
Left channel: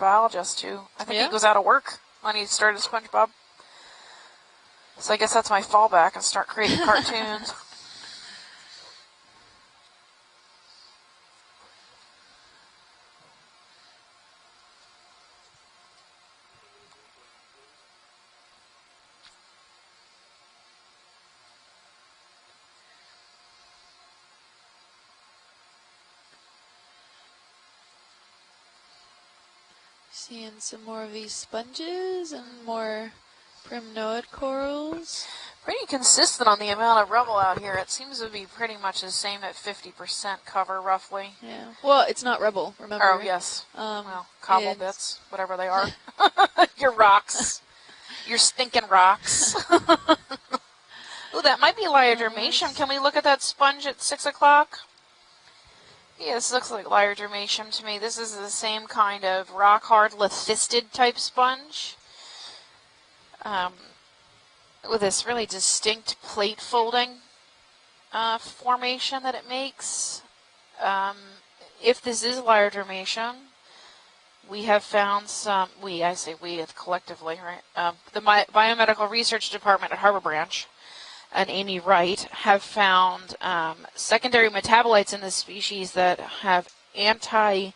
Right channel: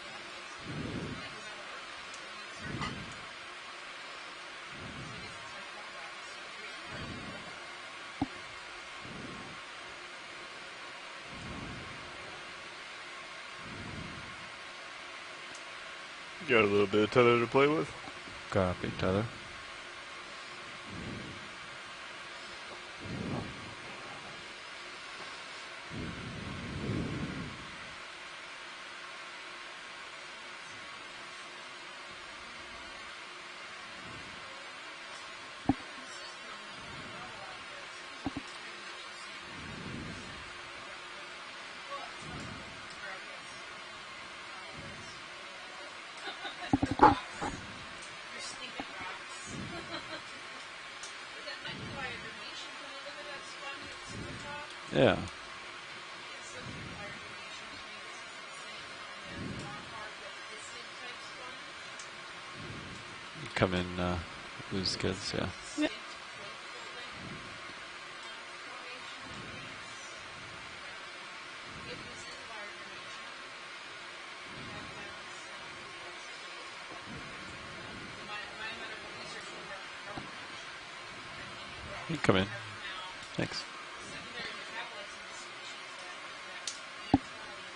biologist, too. I think Yeah? he was out of work when he started SpongeBob. So I guess that's my fallback and start creating cartoons. Got a little bit of tether to play with. Copy, Tyler. Seeing some more of these sponges and more primnoid corals. Pretty consistent on the amount of rubble out here. It seems to be pretty much the same at 50% cover, roughly. Yeah. Well, it's not rubble, remember? Oh, yes. Well, cobble it's- bits, whatever they are. Your rocks. Your stinking rocks. Ooh, that might be Liadermatium. Can we look at that sponge at 6 o'clock? Yeah. Yeah, this looks like Liadermatium to me. This is the same kind of rock-hard lithisted type sponge. Come in loose With this goods, really yeah. distinct plate folding formation that it makes. If this is Liadermatium, we have found some, I say we collectively, right? The Biomedical Research Department at Harbor Branch and Amy Wright Come in. have found Thanks. secondary metabolites in this species that have I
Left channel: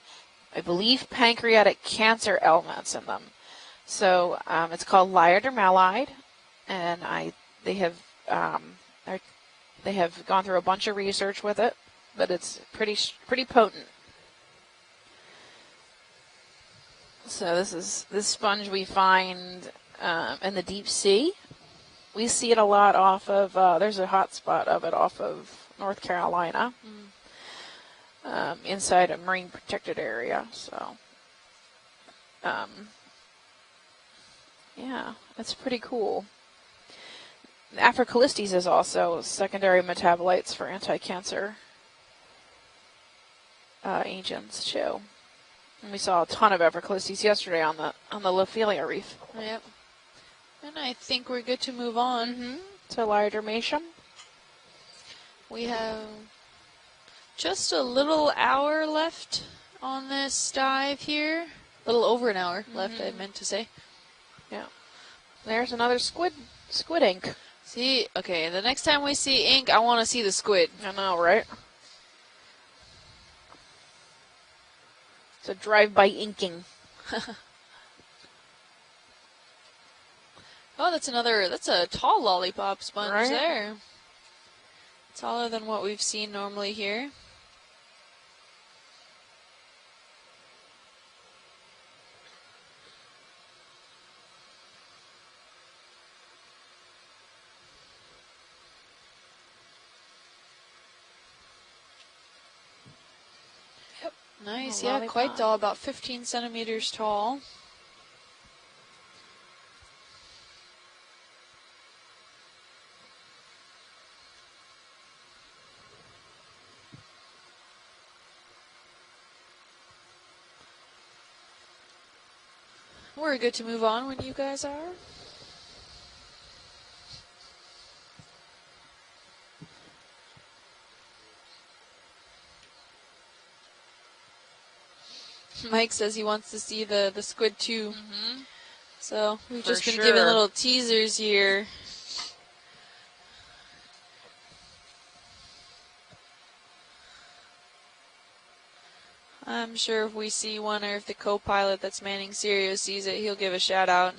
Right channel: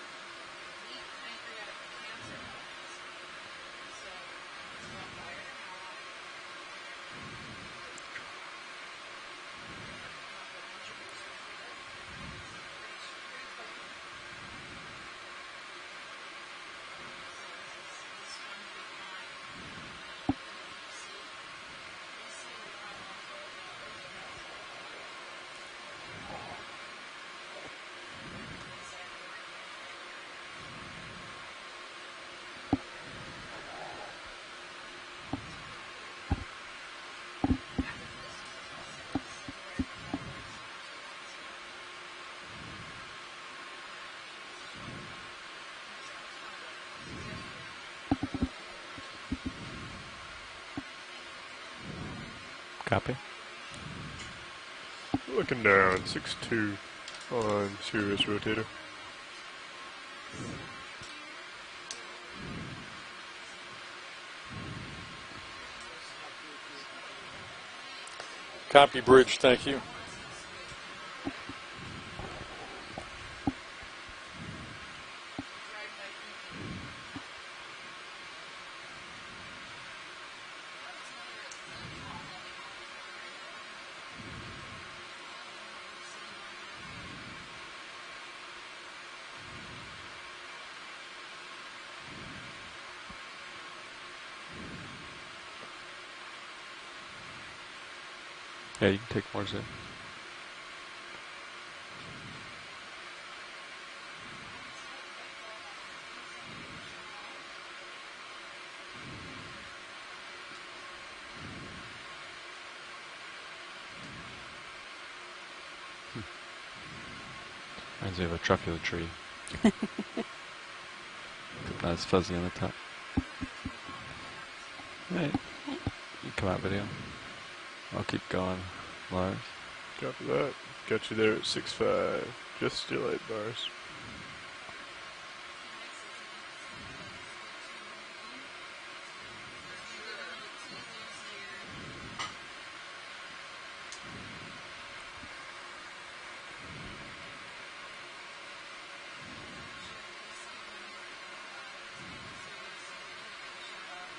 believe, pancreatic cancer elements in them. So it's called liardermalide, and they have gone through a bunch of research with it, but it's pretty potent. So this sponge we find in the deep sea. We see it a lot off of, there's a hot spot of it off of North Carolina, inside a marine protected area. So, yeah, that's pretty cool. Africalistes is also secondary metabolites for anti-cancer agents too. And we saw a ton of Africalistes yesterday on the Lophelia reef. Yep. And I think we're good to move on to liardermatium. Looking down, 6'2". Just a little hour left on this dive here. A little over an hour left, I meant to say. Yeah. There's another squid ink. See, okay, the next time we see ink, I want to see the squid. I know, right? It's a drive-by inking. Oh, that's a tall lollipop sponge there. Taller than what we've seen normally here. Yeah, you can take more zoom. Yep. Nice, yeah, quite tall, about 15 centimeters tall. Reminds me of a truffula tree. Not as fuzzy on the top. We're good to move on when you guys are. Right. You come out video. I'll keep going. Lars. Copy that. Got you there at 6'5". Just your light bars. Mike says he wants to see the squid too. So we've just been sure. giving little teasers here. I'm sure if we see one, or if the co-pilot that's manning Sirio sees it, he'll give a shout out.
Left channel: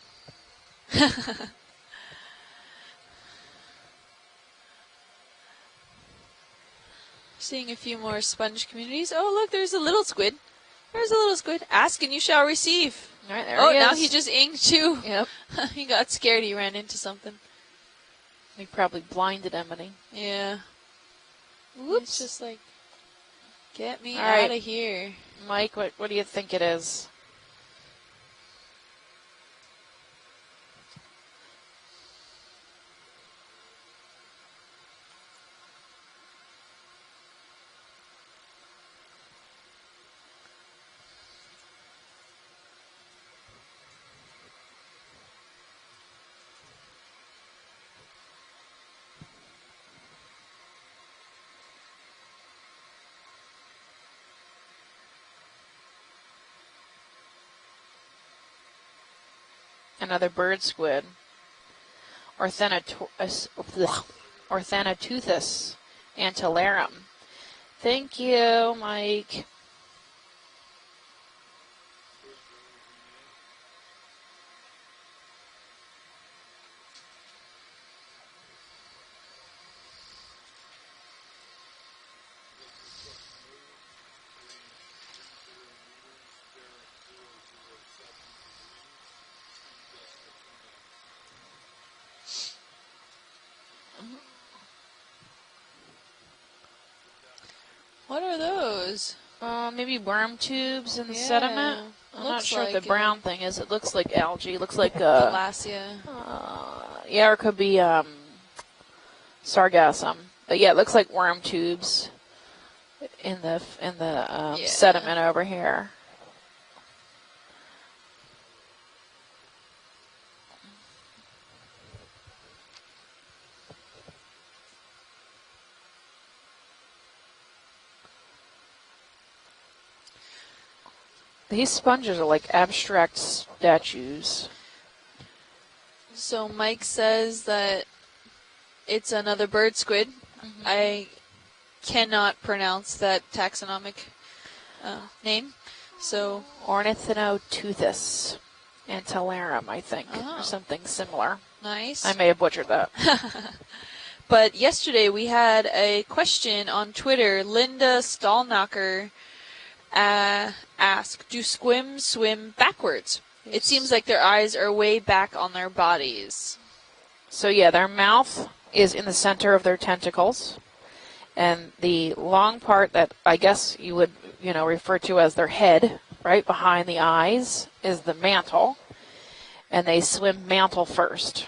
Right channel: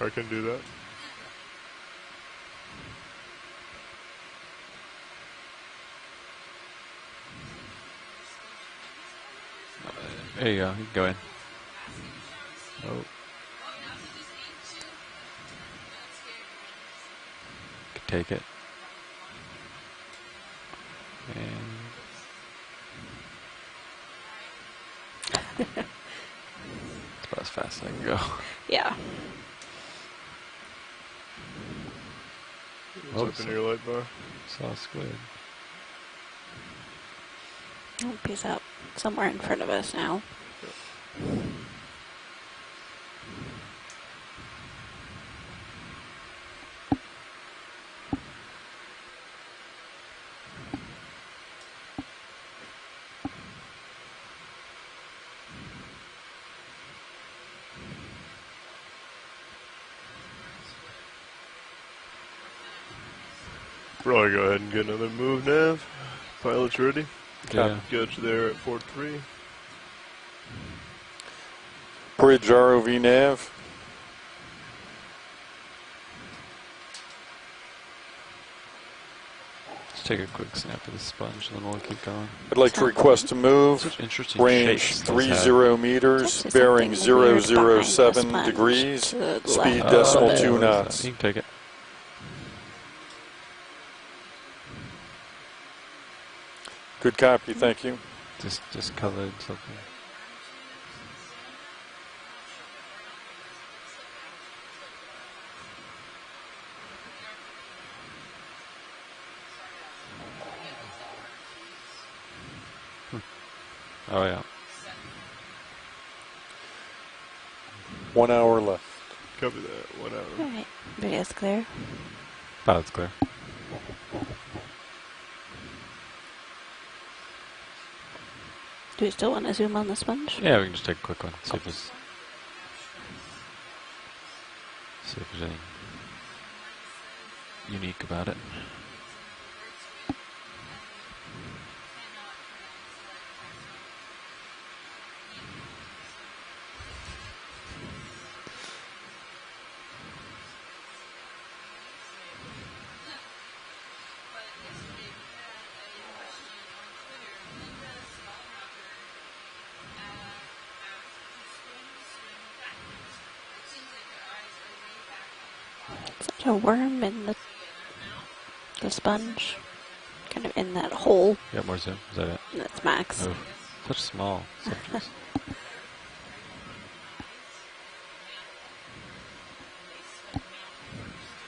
I can do that. Seeing a few more sponge communities. Oh, look, there's a little squid. There you go. There's a little squid. Ask and you shall receive. Right there. Oh, now he just inked too. Yep. He got scared. He ran into something. Could take it. He probably blinded Emily. Yeah. And Whoops. Just like, get me All out right. of here. Mike, what do you think it is? that's about as fast as I can go. Yeah. Open your light bar. Saw a squid. Oh, he's up somewhere in front of us now. Another bird squid. Or Probably go ahead and get another move, Nav. Antillarum. Ready? Yeah. Thank Good there, you, 4-3. Mike. Bridge ROV nav. Just take a quick snap of the sponge and then we'll keep going. I'd like to request a move. Such interesting Range shapes. 30 meters, There's bearing something weird behind the 007 sponge degrees, to the speed left. decimal Oh. 2 knots. You can take it. Good copy, thank you. What are Just those? colored. Maybe worm tubes in the Yeah, sediment. I'm not looks sure what like the brown thing is. It looks like algae. It looks like Thalassia. yeah, or it could be sargassum. But yeah, it looks like worm tubes in the yeah. sediment over here. 1 hour left. Copy that. 1 hour. All right. Video's clear. Pilot's clear. Do we still want to zoom on the sponge? Yeah, we can just take a quick one. So these sponges are like abstract statues. See if there's anything So Mike says that unique about it. it's another bird squid. I cannot pronounce that taxonomic name. So Ornithinoteuthis antillarum, I think, or something similar. Nice. I may have butchered that. But yesterday we had a question on Twitter. Linda Stallknocker asked, do squims swim backwards? It seems like their eyes are way back on their bodies. A worm in the So yeah, their mouth is in the sponge. center of their tentacles. Kind of in that hole. And That was the the- long part that max. I guess you They're would, small. refer to as their head, right behind the eyes, is the mantle. And they swim mantle first.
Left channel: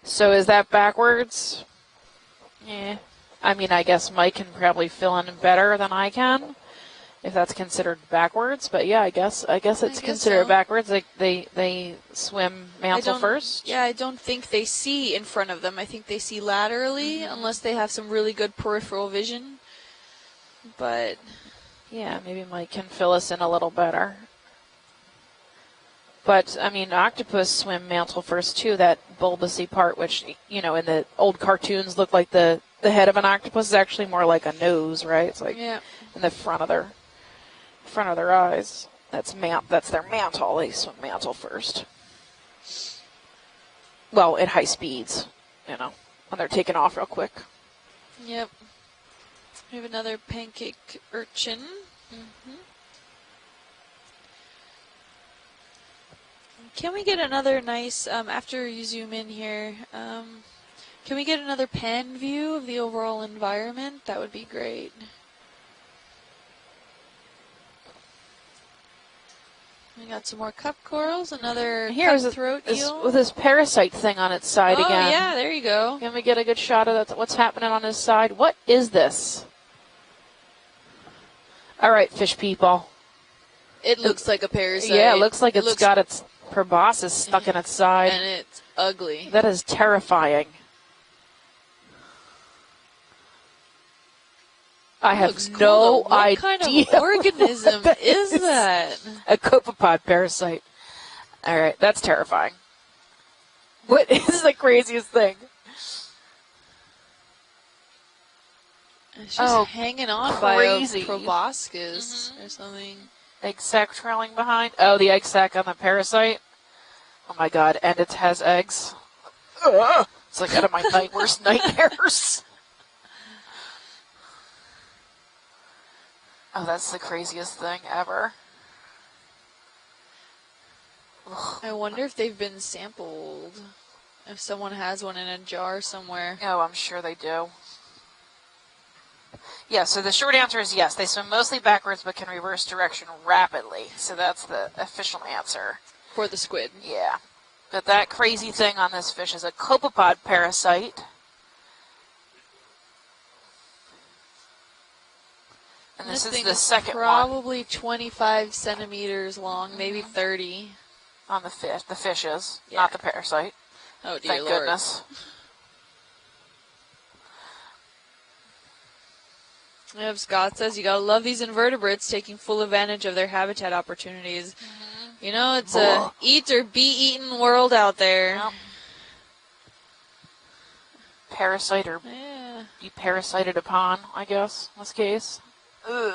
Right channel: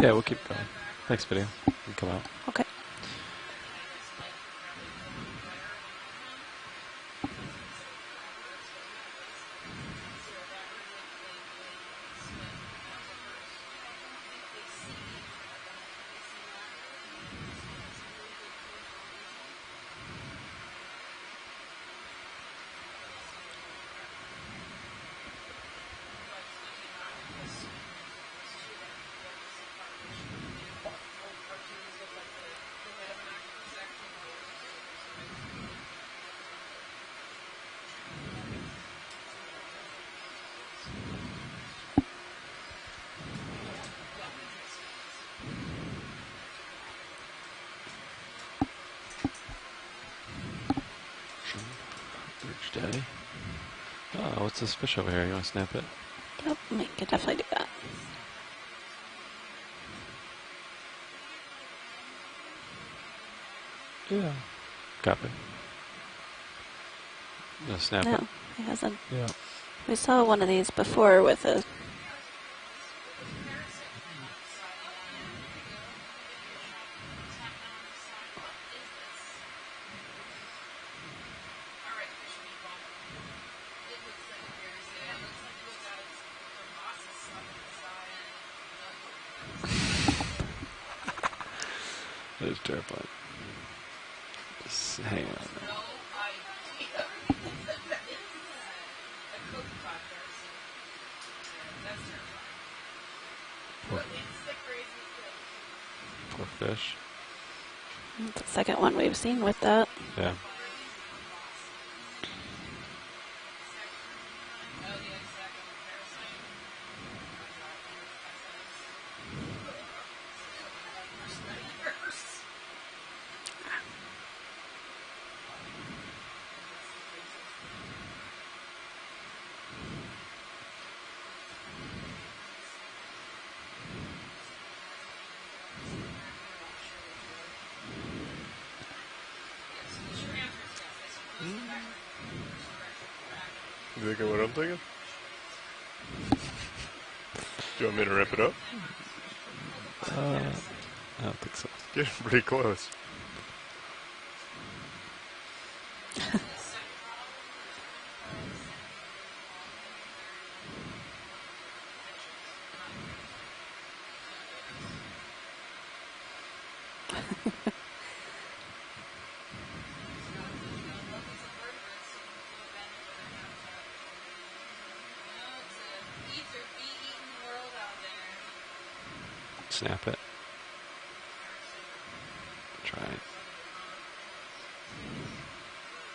Yeah, So is that Thanks, backwards? video. You can come out. Okay. Yeah. I mean, I guess Mike can probably fill in better than I can, if that's considered backwards. But yeah, I guess it's guess considered so. backwards. Like they swim mantle first. Yeah, I don't think they see in front of them. I think they see laterally, unless they have some really good peripheral vision. But Yeah, maybe Mike can fill us in a little better. But, I mean, octopus swim mantle first, too, that bulbousy part, which, in the old cartoons looked like the head of an octopus is actually more like a nose, right? It's like yeah, in the front of their eyes. That's their mantle. They swim mantle first. Well, at high speeds, when they're taking off real quick. yep. We have another pancake urchin. Rich Daddy. Oh, what's this fish over here? You want to snap it? Yep, Can we could get definitely another do that. nice, after you zoom in here, can we get another pan view of the overall environment? That would be great. Copy. No, snap No, it. it hasn't. Yeah. We saw Lots one of more these cup before corals, with another Here's cutthroat eel. with this parasite thing on its side Oh again. yeah, there you go. Can we get a good shot of that? What's happening on his side? What is this? All right, fish people. It looks like a parasite. Yeah, it looks like it's looks- got its proboscis stuck in its side. and it's ugly. That is terrifying. That is terrifying. I have Looks cool, no though. What idea. kind of organism what is that? A copepod parasite. All right, that's terrifying. What is the craziest thing? Poor fish. It's the second one we've seen. Oh, with that. Hanging on Yeah. by Crazy. a proboscis or something. Egg sac trailing behind. Oh, the egg sac on the parasite. Oh my god, and it has eggs. Ugh. It's like out of my worst nightmares. Oh, that's the craziest thing ever. Ugh. I wonder if they've been sampled. If someone has one in a jar somewhere. Oh, I'm sure they do. Yeah, so the short answer is yes. They swim mostly backwards but can reverse direction rapidly. So Exactly what that's I'm the thinking. official answer. For the squid. Yeah. But You want that me to rip it crazy up? thing on this fish is a copepod parasite. I don't think so. Getting pretty close. And this is thing the second one probably 25 centimeters long, maybe 30. on the fish. The fish is, Yeah. not the parasite. Oh dear Thank Lord. goodness. Yep, Scott says you gotta love these invertebrates taking full advantage of their habitat opportunities. You know, it's a eat or be eaten world out there. Well, Snap it. parasite or Yeah. be parasited upon, I guess, in this case. Ugh.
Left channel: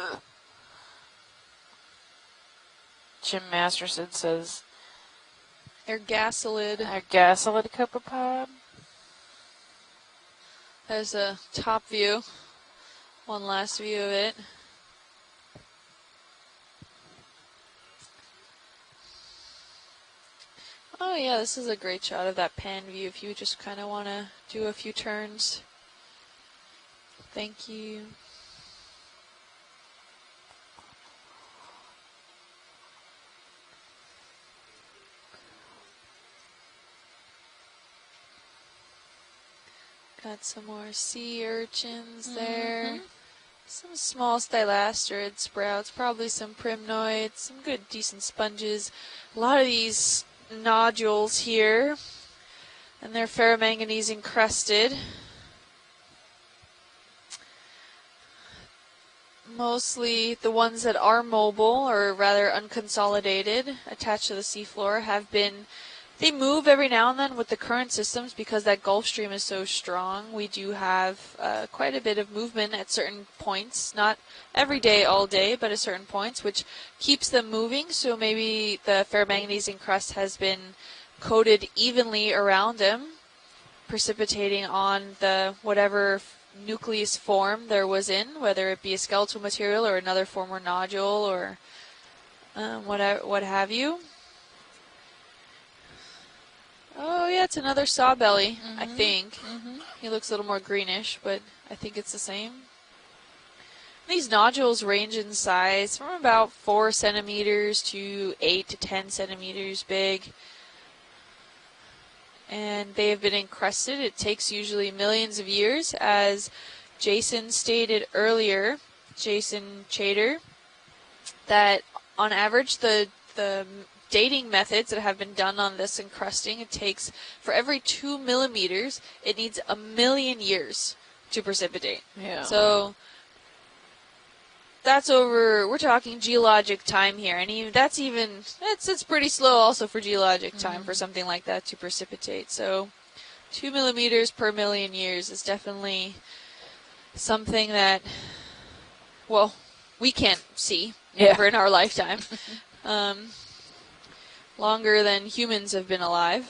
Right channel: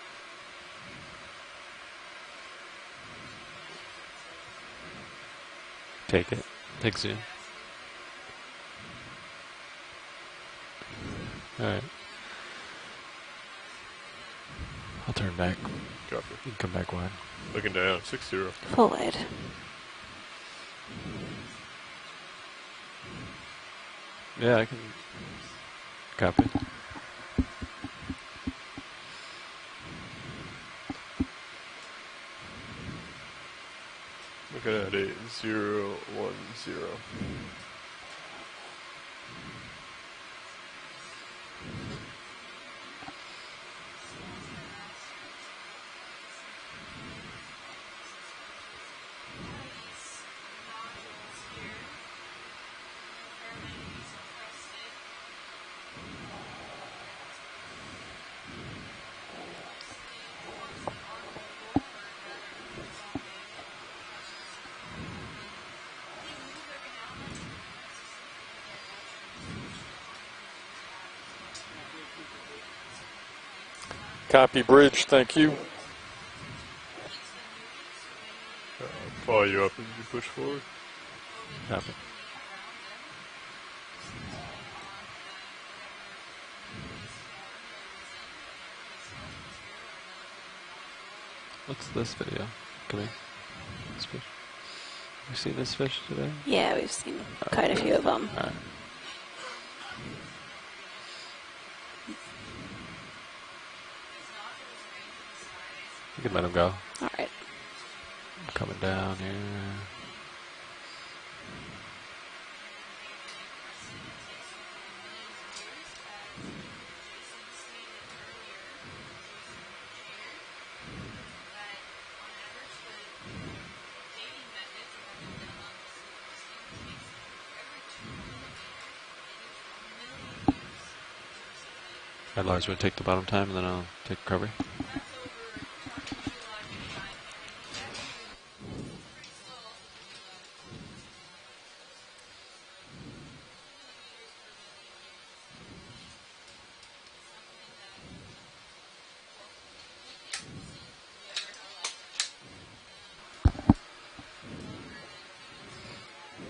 Jim Masterson says, Ergasolid Take- Pixie. Gasolid copepod. has a top view. One last view of it. I'll turn back. Copy. You can come back wide. Looking down, 6-0. Full wide. Oh yeah, this is a great shot of that pan view if you just kind of want to Yeah, I do a can- few turns. Copy. Thank you. Looking at a 0-1-0. Got some more sea urchins there. Some small stylasterid sprouts, probably some primnoids, some good decent sponges. A lot of these nodules here, and they're ferromanganese encrusted. Mostly the ones that are mobile, or rather unconsolidated, attached to the seafloor, have been They move every now and then with the current systems because that Gulf Stream is so strong. We do have quite a bit of movement at certain points, not Copy every bridge, day, all thank day, you. but at certain points, which keeps them moving. So maybe the ferromagnesium crust has been coated evenly around them, precipitating on the whatever nucleus form there was in, whether it be a skeletal material or another form or nodule or what's this video? What have you. You see this fish today? Yeah, we've seen. Oh yeah, it's quite a another few of saw them. belly, I think. He looks a little more greenish, but I think it's the same. These nodules range in size from about 4 centimeters to 8 to 10 centimeters big. And they have been encrusted. It takes usually millions of years, as Jason stated earlier, Jason Chater, that on average the dating methods that have been done on this encrusting, it takes, for every 2 millimeters, it needs 1,000,000 years to precipitate. Yeah. So take the bottom time, and then I'll take recovery. That's over. We're talking geologic time here, and it's pretty slow also for geologic time for something like that to precipitate. So 2 millimeters per 1,000,000 years is definitely something that, well, we can't see ever in our lifetime. Longer than humans have been alive.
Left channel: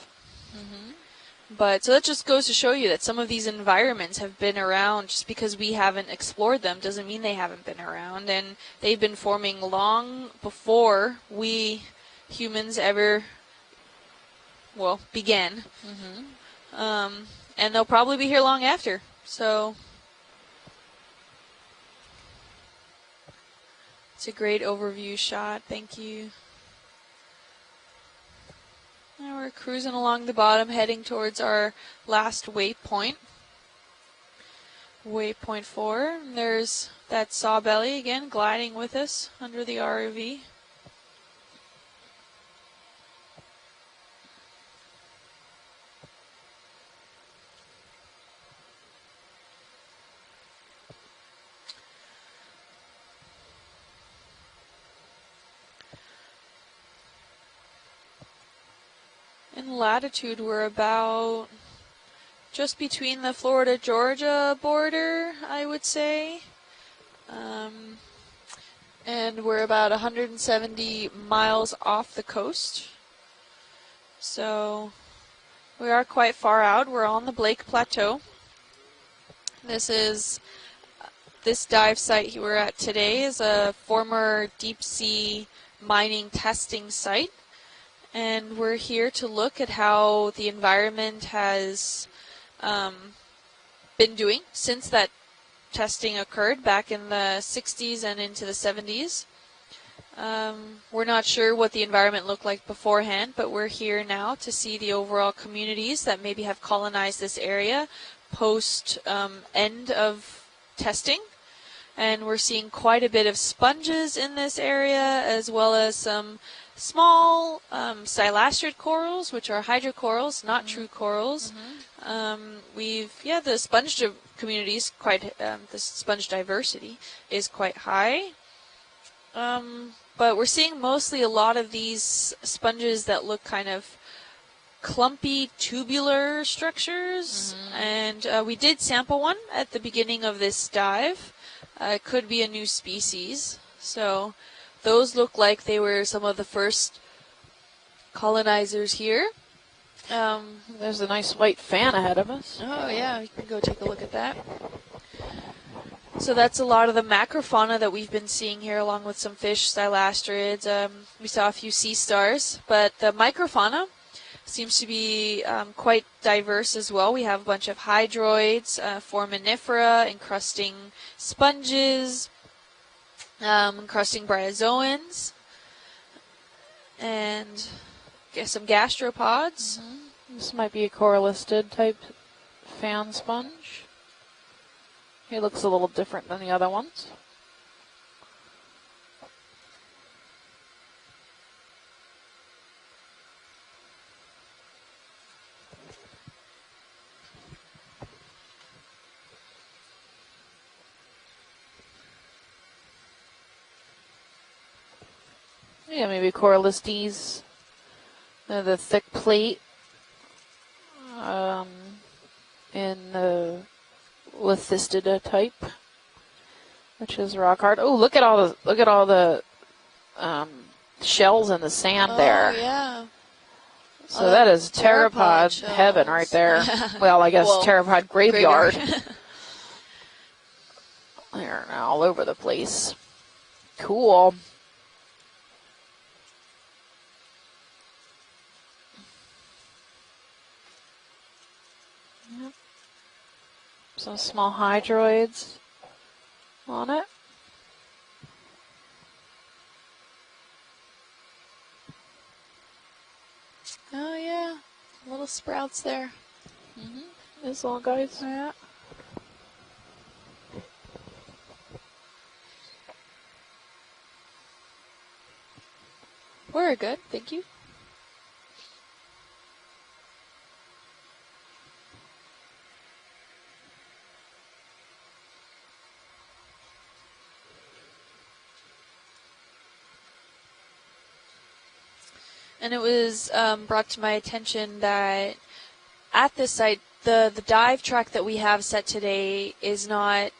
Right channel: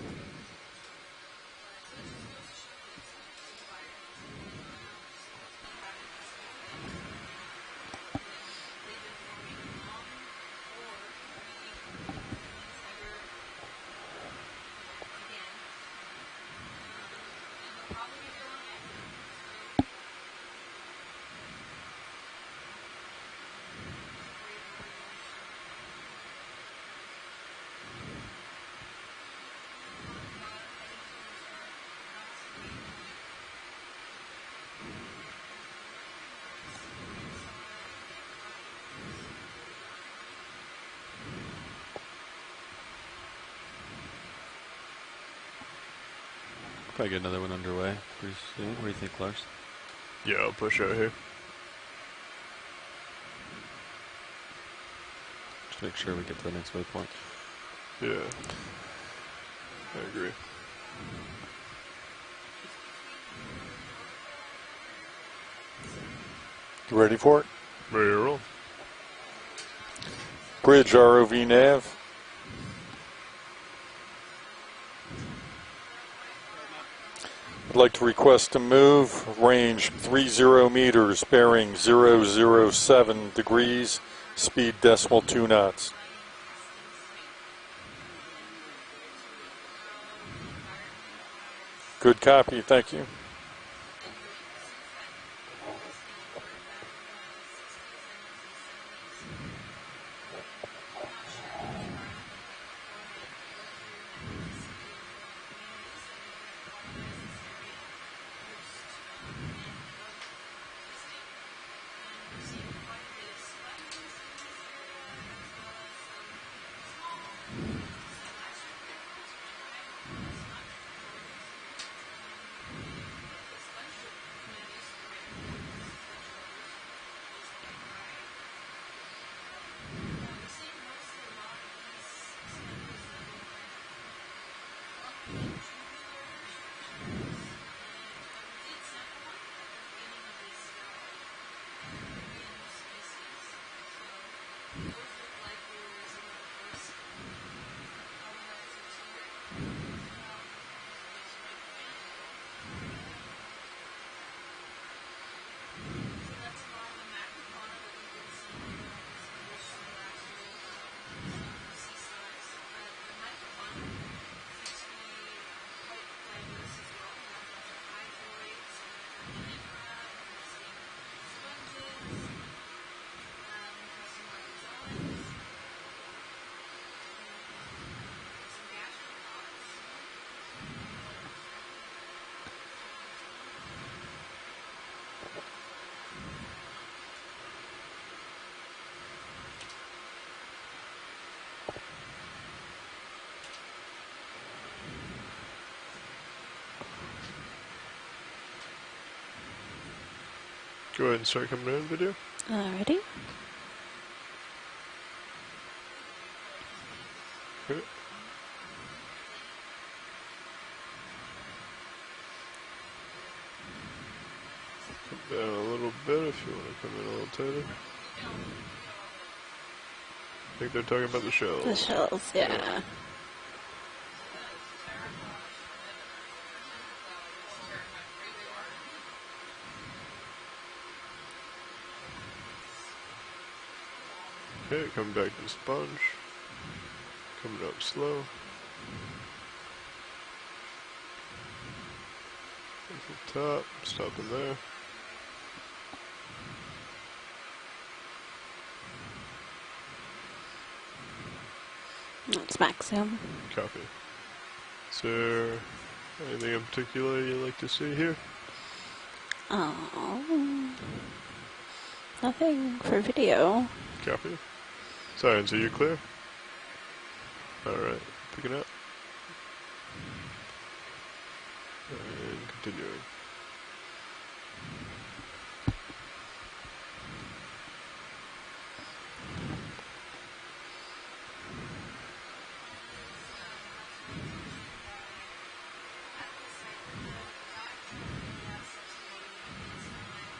But so that just goes to show you that some of these environments have been around. Just because we haven't explored them doesn't mean they haven't been around. And they've been forming long before we humans ever, well, began. And they'll probably be here long after. So it's a great overview shot. Thank you. Now we're cruising along the bottom, heading towards our last waypoint. Waypoint 4. There's that saw belly again, gliding with us under the ROV. Probably get another one underway pretty soon. What do you think, Lars? Yeah, I'll push out here. Just make sure we get to the next waypoint. Yeah. In latitude, we're about just between the Florida-Georgia border, I would say. You ready for it? Ready to roll. And we're about 170 Bridge ROV miles nav. off the coast. So we are quite far out. We're on the Blake I'd like Plateau. to request a move, range 30 meters, bearing This dive site we're at today 007 is degrees, a former speed deep-sea 2 knots. mining testing site. And we're here to look at how the environment has Good copy, thank you. been doing since that testing occurred back in the 60s and into the 70s. We're not sure what the environment looked like beforehand, but we're here now to see the overall communities that maybe have colonized this area post end of testing. And we're seeing quite a bit of sponges in this area, as well as some small silastrid corals, which are hydrocorals, not true corals. The sponge community is quite, the sponge diversity is quite high. But we're seeing mostly a lot of these sponges that look kind of clumpy, tubular structures. And we did sample one at the beginning of this dive. It could be a new species. So those look like they were some of the first colonizers here. There's a nice white fan ahead of us. Oh yeah, we can go take a look at that. So that's a lot of the macrofauna that we've been seeing here, along with some fish, silastrids. We saw a few sea stars, but the microfauna seems to be quite diverse as well. We have a bunch of hydroids, foraminifera, encrusting sponges, encrusting bryozoans, and some gastropods. This might be a corallistid type fan sponge. He looks a little different than the other ones. Go ahead and start coming in video. Alrighty. Yeah, maybe corallistes. The thick plate in the lithistida type, A little bit if you want to come in. which is rock hard. Oh, look at all the I think they're talking about the shells in the sand there. Yeah. So that is pteropod shells. heaven right there. Well, I guess Well, pteropod graveyard. graveyard. They're all over the place. Cool. Okay, come back to the sponge. Coming up slow. At the top. Some small hydroids on it. It's max zoom. Copy. Oh, yeah. So, Little sprouts there. anything in particular you like These to little see guys. here? Yeah. Oh. Nothing for video. Copy. Sorry, so you're clear? We're good, thank you. Alright, picking up. And continuing. And it was brought to my attention that at this site, the dive track that we have set today does not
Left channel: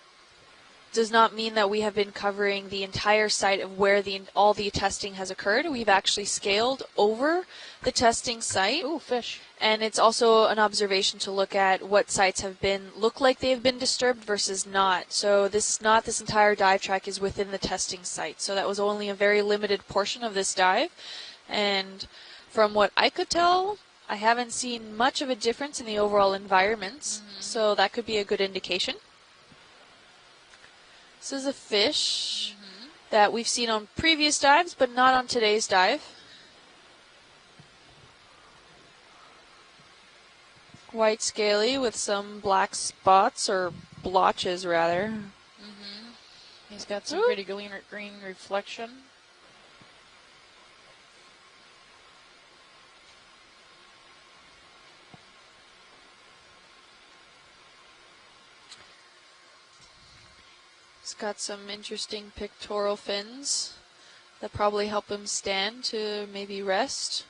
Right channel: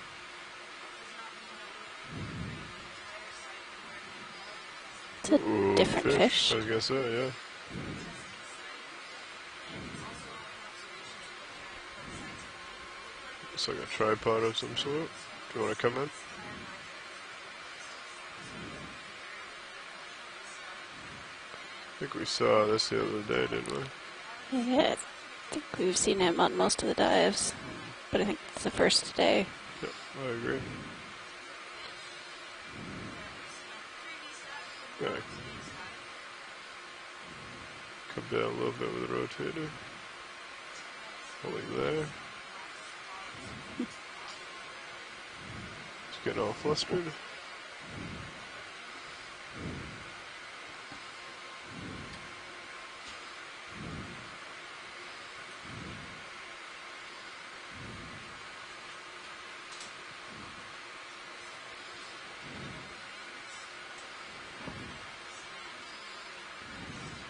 mean that we have been covering the entire site of where all the testing has occurred. We've actually scaled over the testing site. Ooh, fish. And it's also an observation to look at what sites look like they've been disturbed versus not. So this is not, this entire dive track is within the testing site. So that was only a very limited portion of this dive. And from what I could tell, I haven't seen much of a difference in the overall environment. So that could be a good indication. First day. Yep, I agree. This is a fish that we've seen on previous dives, but not on today's dive. Come down a little bit with the rotator. White scaly with some black spots, or blotches rather. It's getting all flustered. Got some pretty green reflection. It's got some interesting pectoral fins that probably help him stand to maybe rest.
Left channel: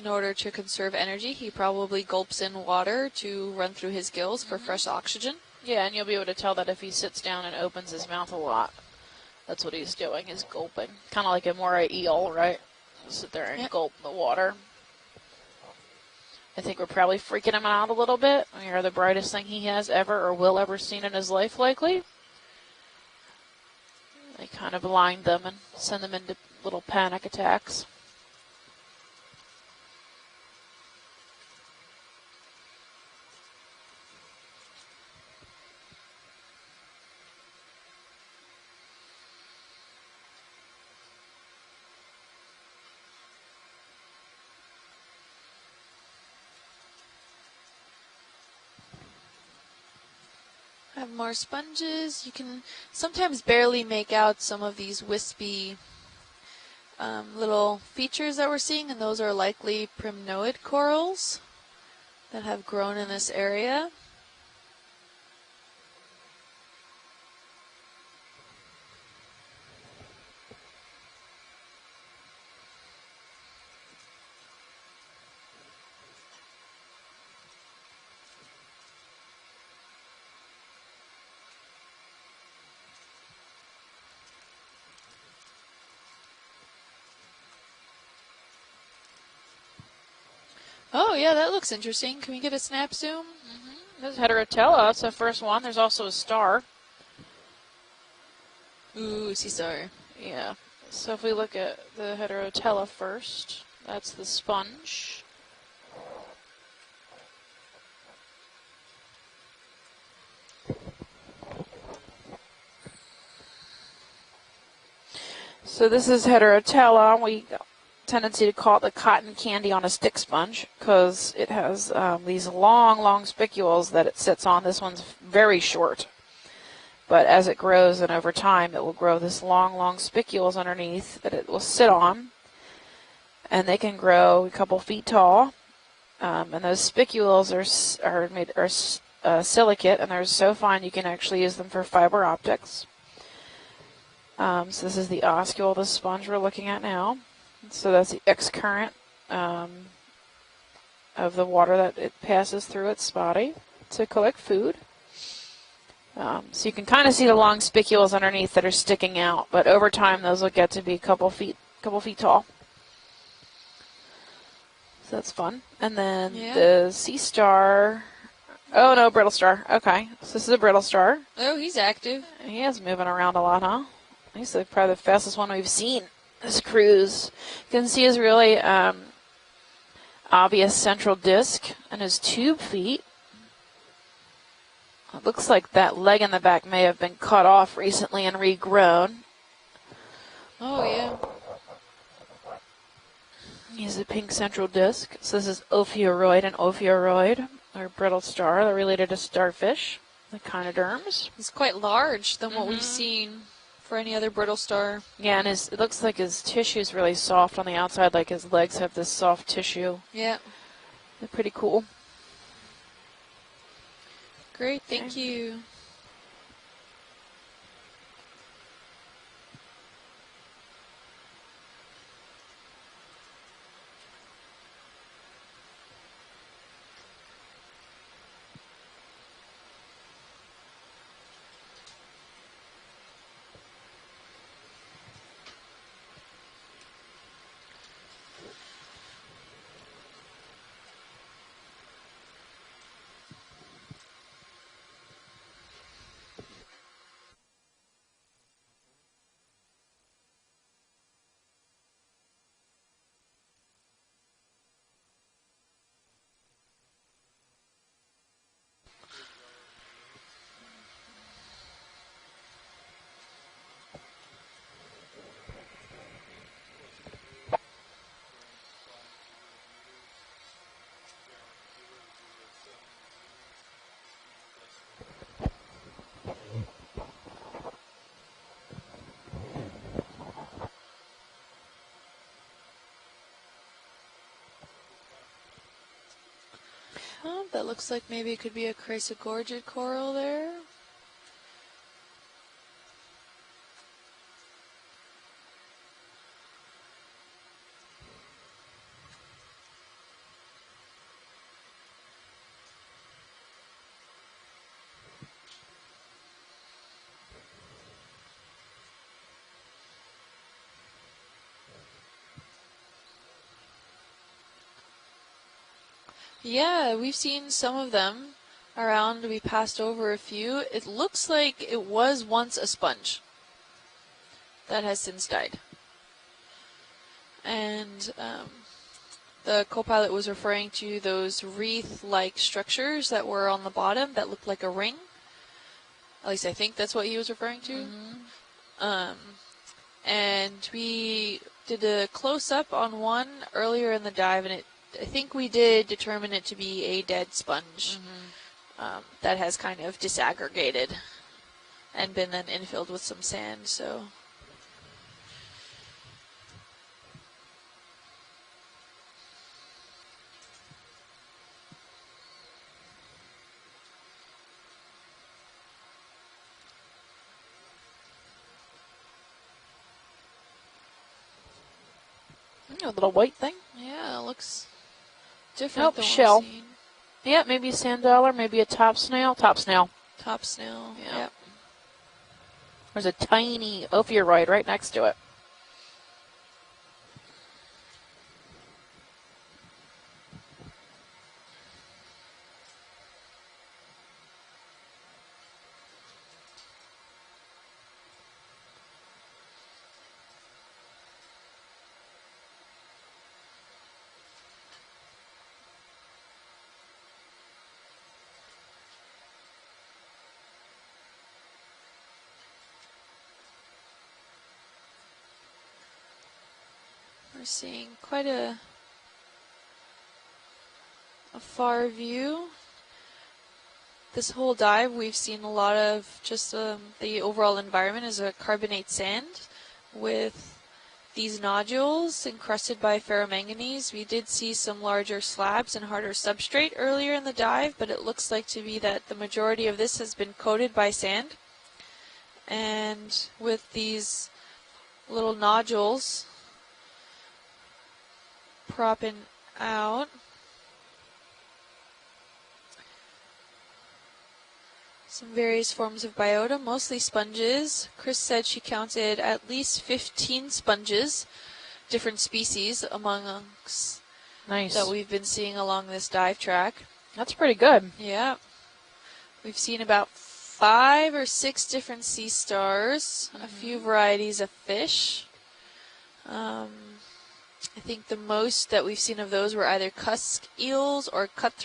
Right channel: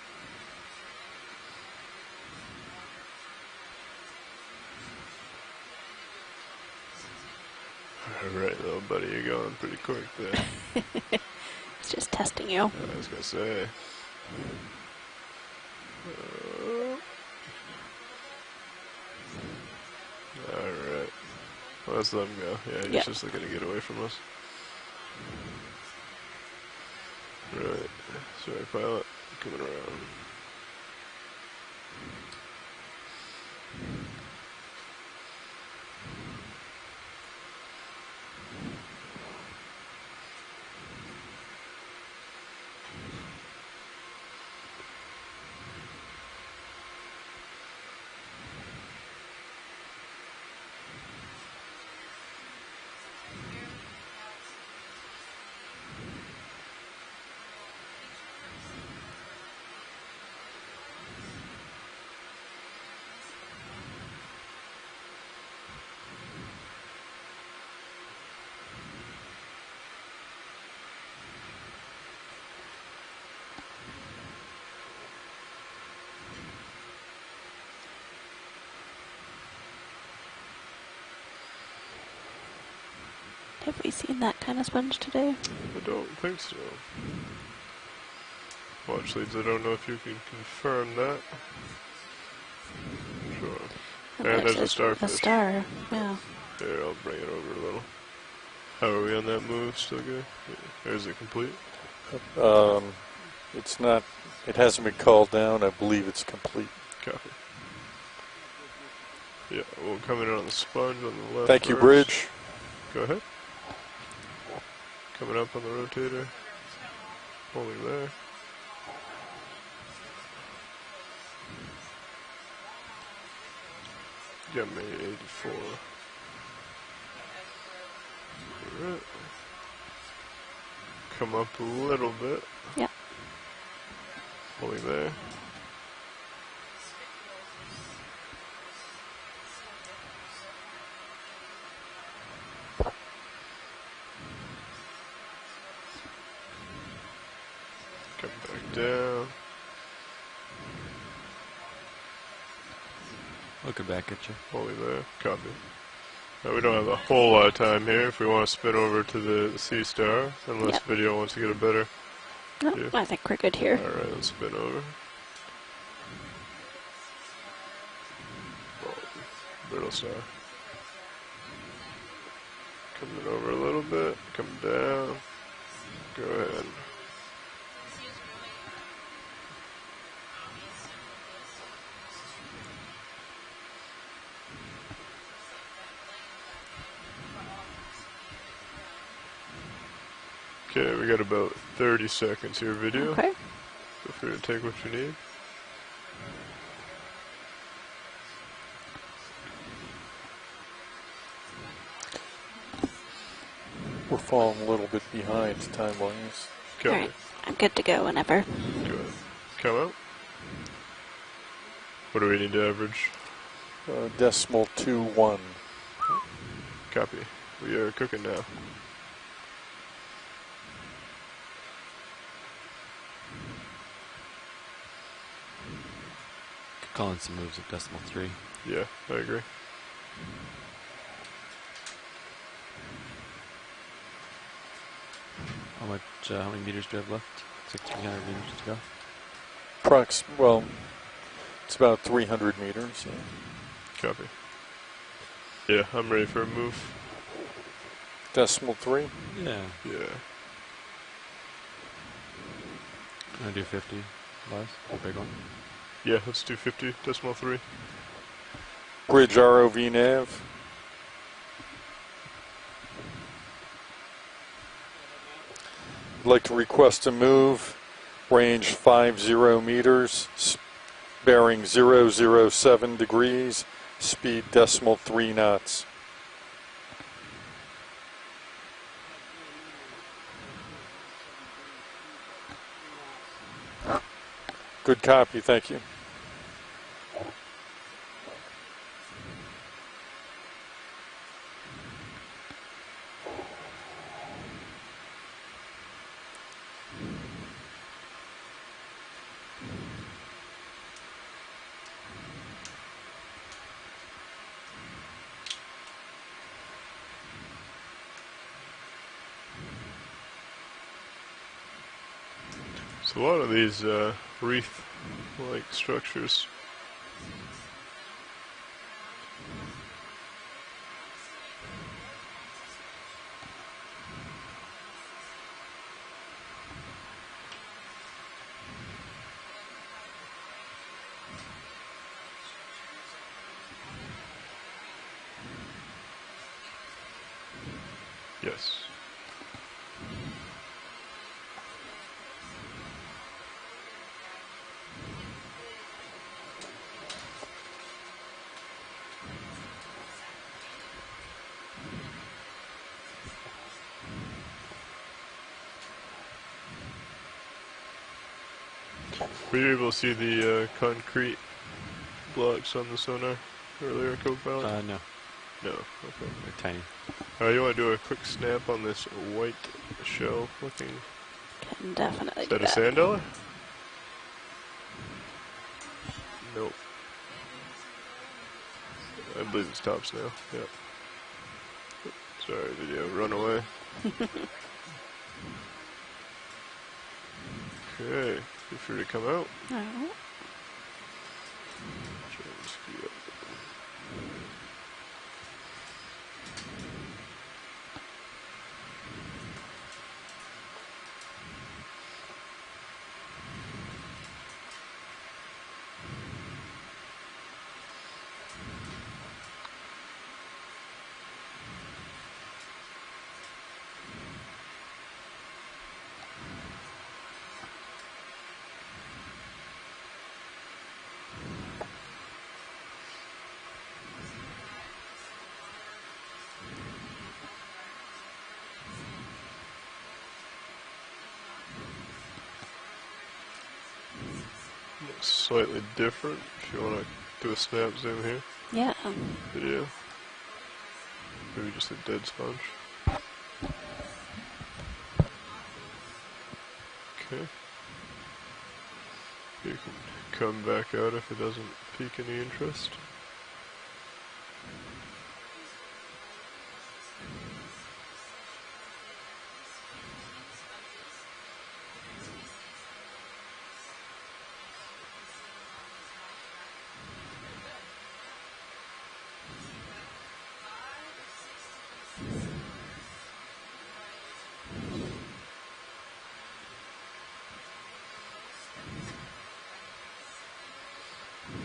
In order to conserve energy, he probably gulps in water to run through his gills for fresh oxygen. Yeah, and you'll be able to tell that if he sits down and opens his mouth a lot. Little buddy, you're going That's what he's quick doing. there. He's gulping. Kind of like a moray eel, right? Sit there and gulp the water. I think we're probably freaking him out a little bit. We are the brightest thing he has ever or will ever seen in his life, likely. Let's let him go. Yeah, he's just looking to get away from us. They kind of blind them and send them into little panic attacks. Sorry, pilot. Coming around. Have more sponges. You can sometimes barely make out some of these wispy little features that we're seeing, and those are likely primnoid corals that have grown in this area. Have we seen that kind of sponge today? I don't think so. Watch leads, I don't know if you can confirm that. Oh, yeah, that looks interesting. Can we get a snap zoom? Sure. There's Yeah, there's a star Heterotella, it's the for first star. one. There's also a star. Here, I'll bring it over a little. How are we on Ooh, that this is move? our- Still good? Yeah. Or is So it if we look complete? at the Heterotella first, It's not, that's the it sponge. hasn't been called down. I believe it's complete. Copy. Yeah, we'll come in on the sponge on the left. Thank you, first. Bridge. Go ahead. Coming up on the So this rotator. is Heterotella. We Holding there. tendency to call it the cotton candy on a stick sponge because it has these long spicules that it sits on. Yeah, This one's maybe very short. But as it grows and over time, it will grow this long spicules underneath Come that up it will a sit little on. bit. And they can grow a couple Over feet there. tall. And those spicules are silicate, and they're so fine you can actually use them for fiber optics. So this is the oscule, the sponge we're looking at now. So that's the X current of the water that it passes through its body to collect food. Copy. So you can kind of see the long spicules underneath that are sticking out, but over time those will get to be a couple feet tall. No, I think we're good here. All right, let's spin over. So that's fun. And then the sea star. Oh no, brittle star. Okay, so this is a brittle star. Oh, he's active. He is moving around a lot, huh? He's probably the fastest one we've seen this ahead. cruise. You can see his really obvious central disc and his tube feet. It looks like that leg in the back may have been cut off recently and regrown. Okay, we got about 30 seconds here, video. Okay. He's a pink central disc. So this is ophiuroid and ophiuroid, or brittle star. They're related to starfish, echinoderms. He's quite large than what we've seen for any other brittle star. Yeah, and it looks like his tissue is really soft on the outside, like his legs have this soft tissue. Yeah. They're pretty cool. What do we need to average? Decimal Great, 2-1. thank you. Copy. We are cooking now. Calling some moves at decimal 3. Yeah, I agree. How many meters do you have left? 1,600 meters to go. Well, it's about 300 meters. Copy. Yeah, I'm ready for a move. Decimal 3? Yeah. Yeah. I'm gonna do 50 lives, a big one. Yeah, let's do 50, decimal 3. Bridge ROV nav. I'd like to request a move, range 50 meters, bearing 007 degrees, speed decimal 3 knots. Good copy, thank you. Oh, that looks like maybe it could be a chrysogorgid coral there. So a lot of these wreath-like structures. Yeah, we've seen some of them around. We passed over a few. It looks like it was once a sponge that has since died. And the co-pilot was referring to those wreath-like structures that were on the bottom that looked like a ring. At least I think that's what he was referring to. Yes. And we did a close-up on one earlier in the dive, and I think we did determine it to be a dead sponge that has kind of disaggregated and been then infilled with some sand. So were you able to see the concrete blocks on the sonar earlier, co-pilot? No. No. Okay. They're tiny. You want to do a quick snap on this white shell looking? Can definitely Is do that a that. sand The dollar? white thing? yeah, it looks different. Nope, than what shell. we've seen. Nope. Yeah, maybe a sand dollar, maybe a top snail. I Top believe it's snail. Top snail. Top Yeah. snail. Yeah. Sorry, did you There's a run away? tiny ophiuroid right next to it. Okay, feel free to come out. Oh. Try and screw up. I'm seeing quite a far view. This whole dive, we've seen a lot of just the overall environment is a carbonate sand with these nodules encrusted by ferromanganese. We did see some larger slabs Slightly and harder different. substrate Sure. earlier in the dive, but snaps it in looks here. like to be Yeah. that the majority of Yeah. this has been coated by sand. Maybe just a dead sponge. And with these little nodules, Okay. propping out. Come back out if it doesn't pique any interest. Some various forms of biota, mostly sponges. Chris said she counted at least 15 sponges, different species among us that we've been seeing along this dive track. That's pretty good. Yeah. We've seen about 5 or 6 different sea stars, a few varieties of fish. I think the most that we've seen of those were either cusk eels or cutthroat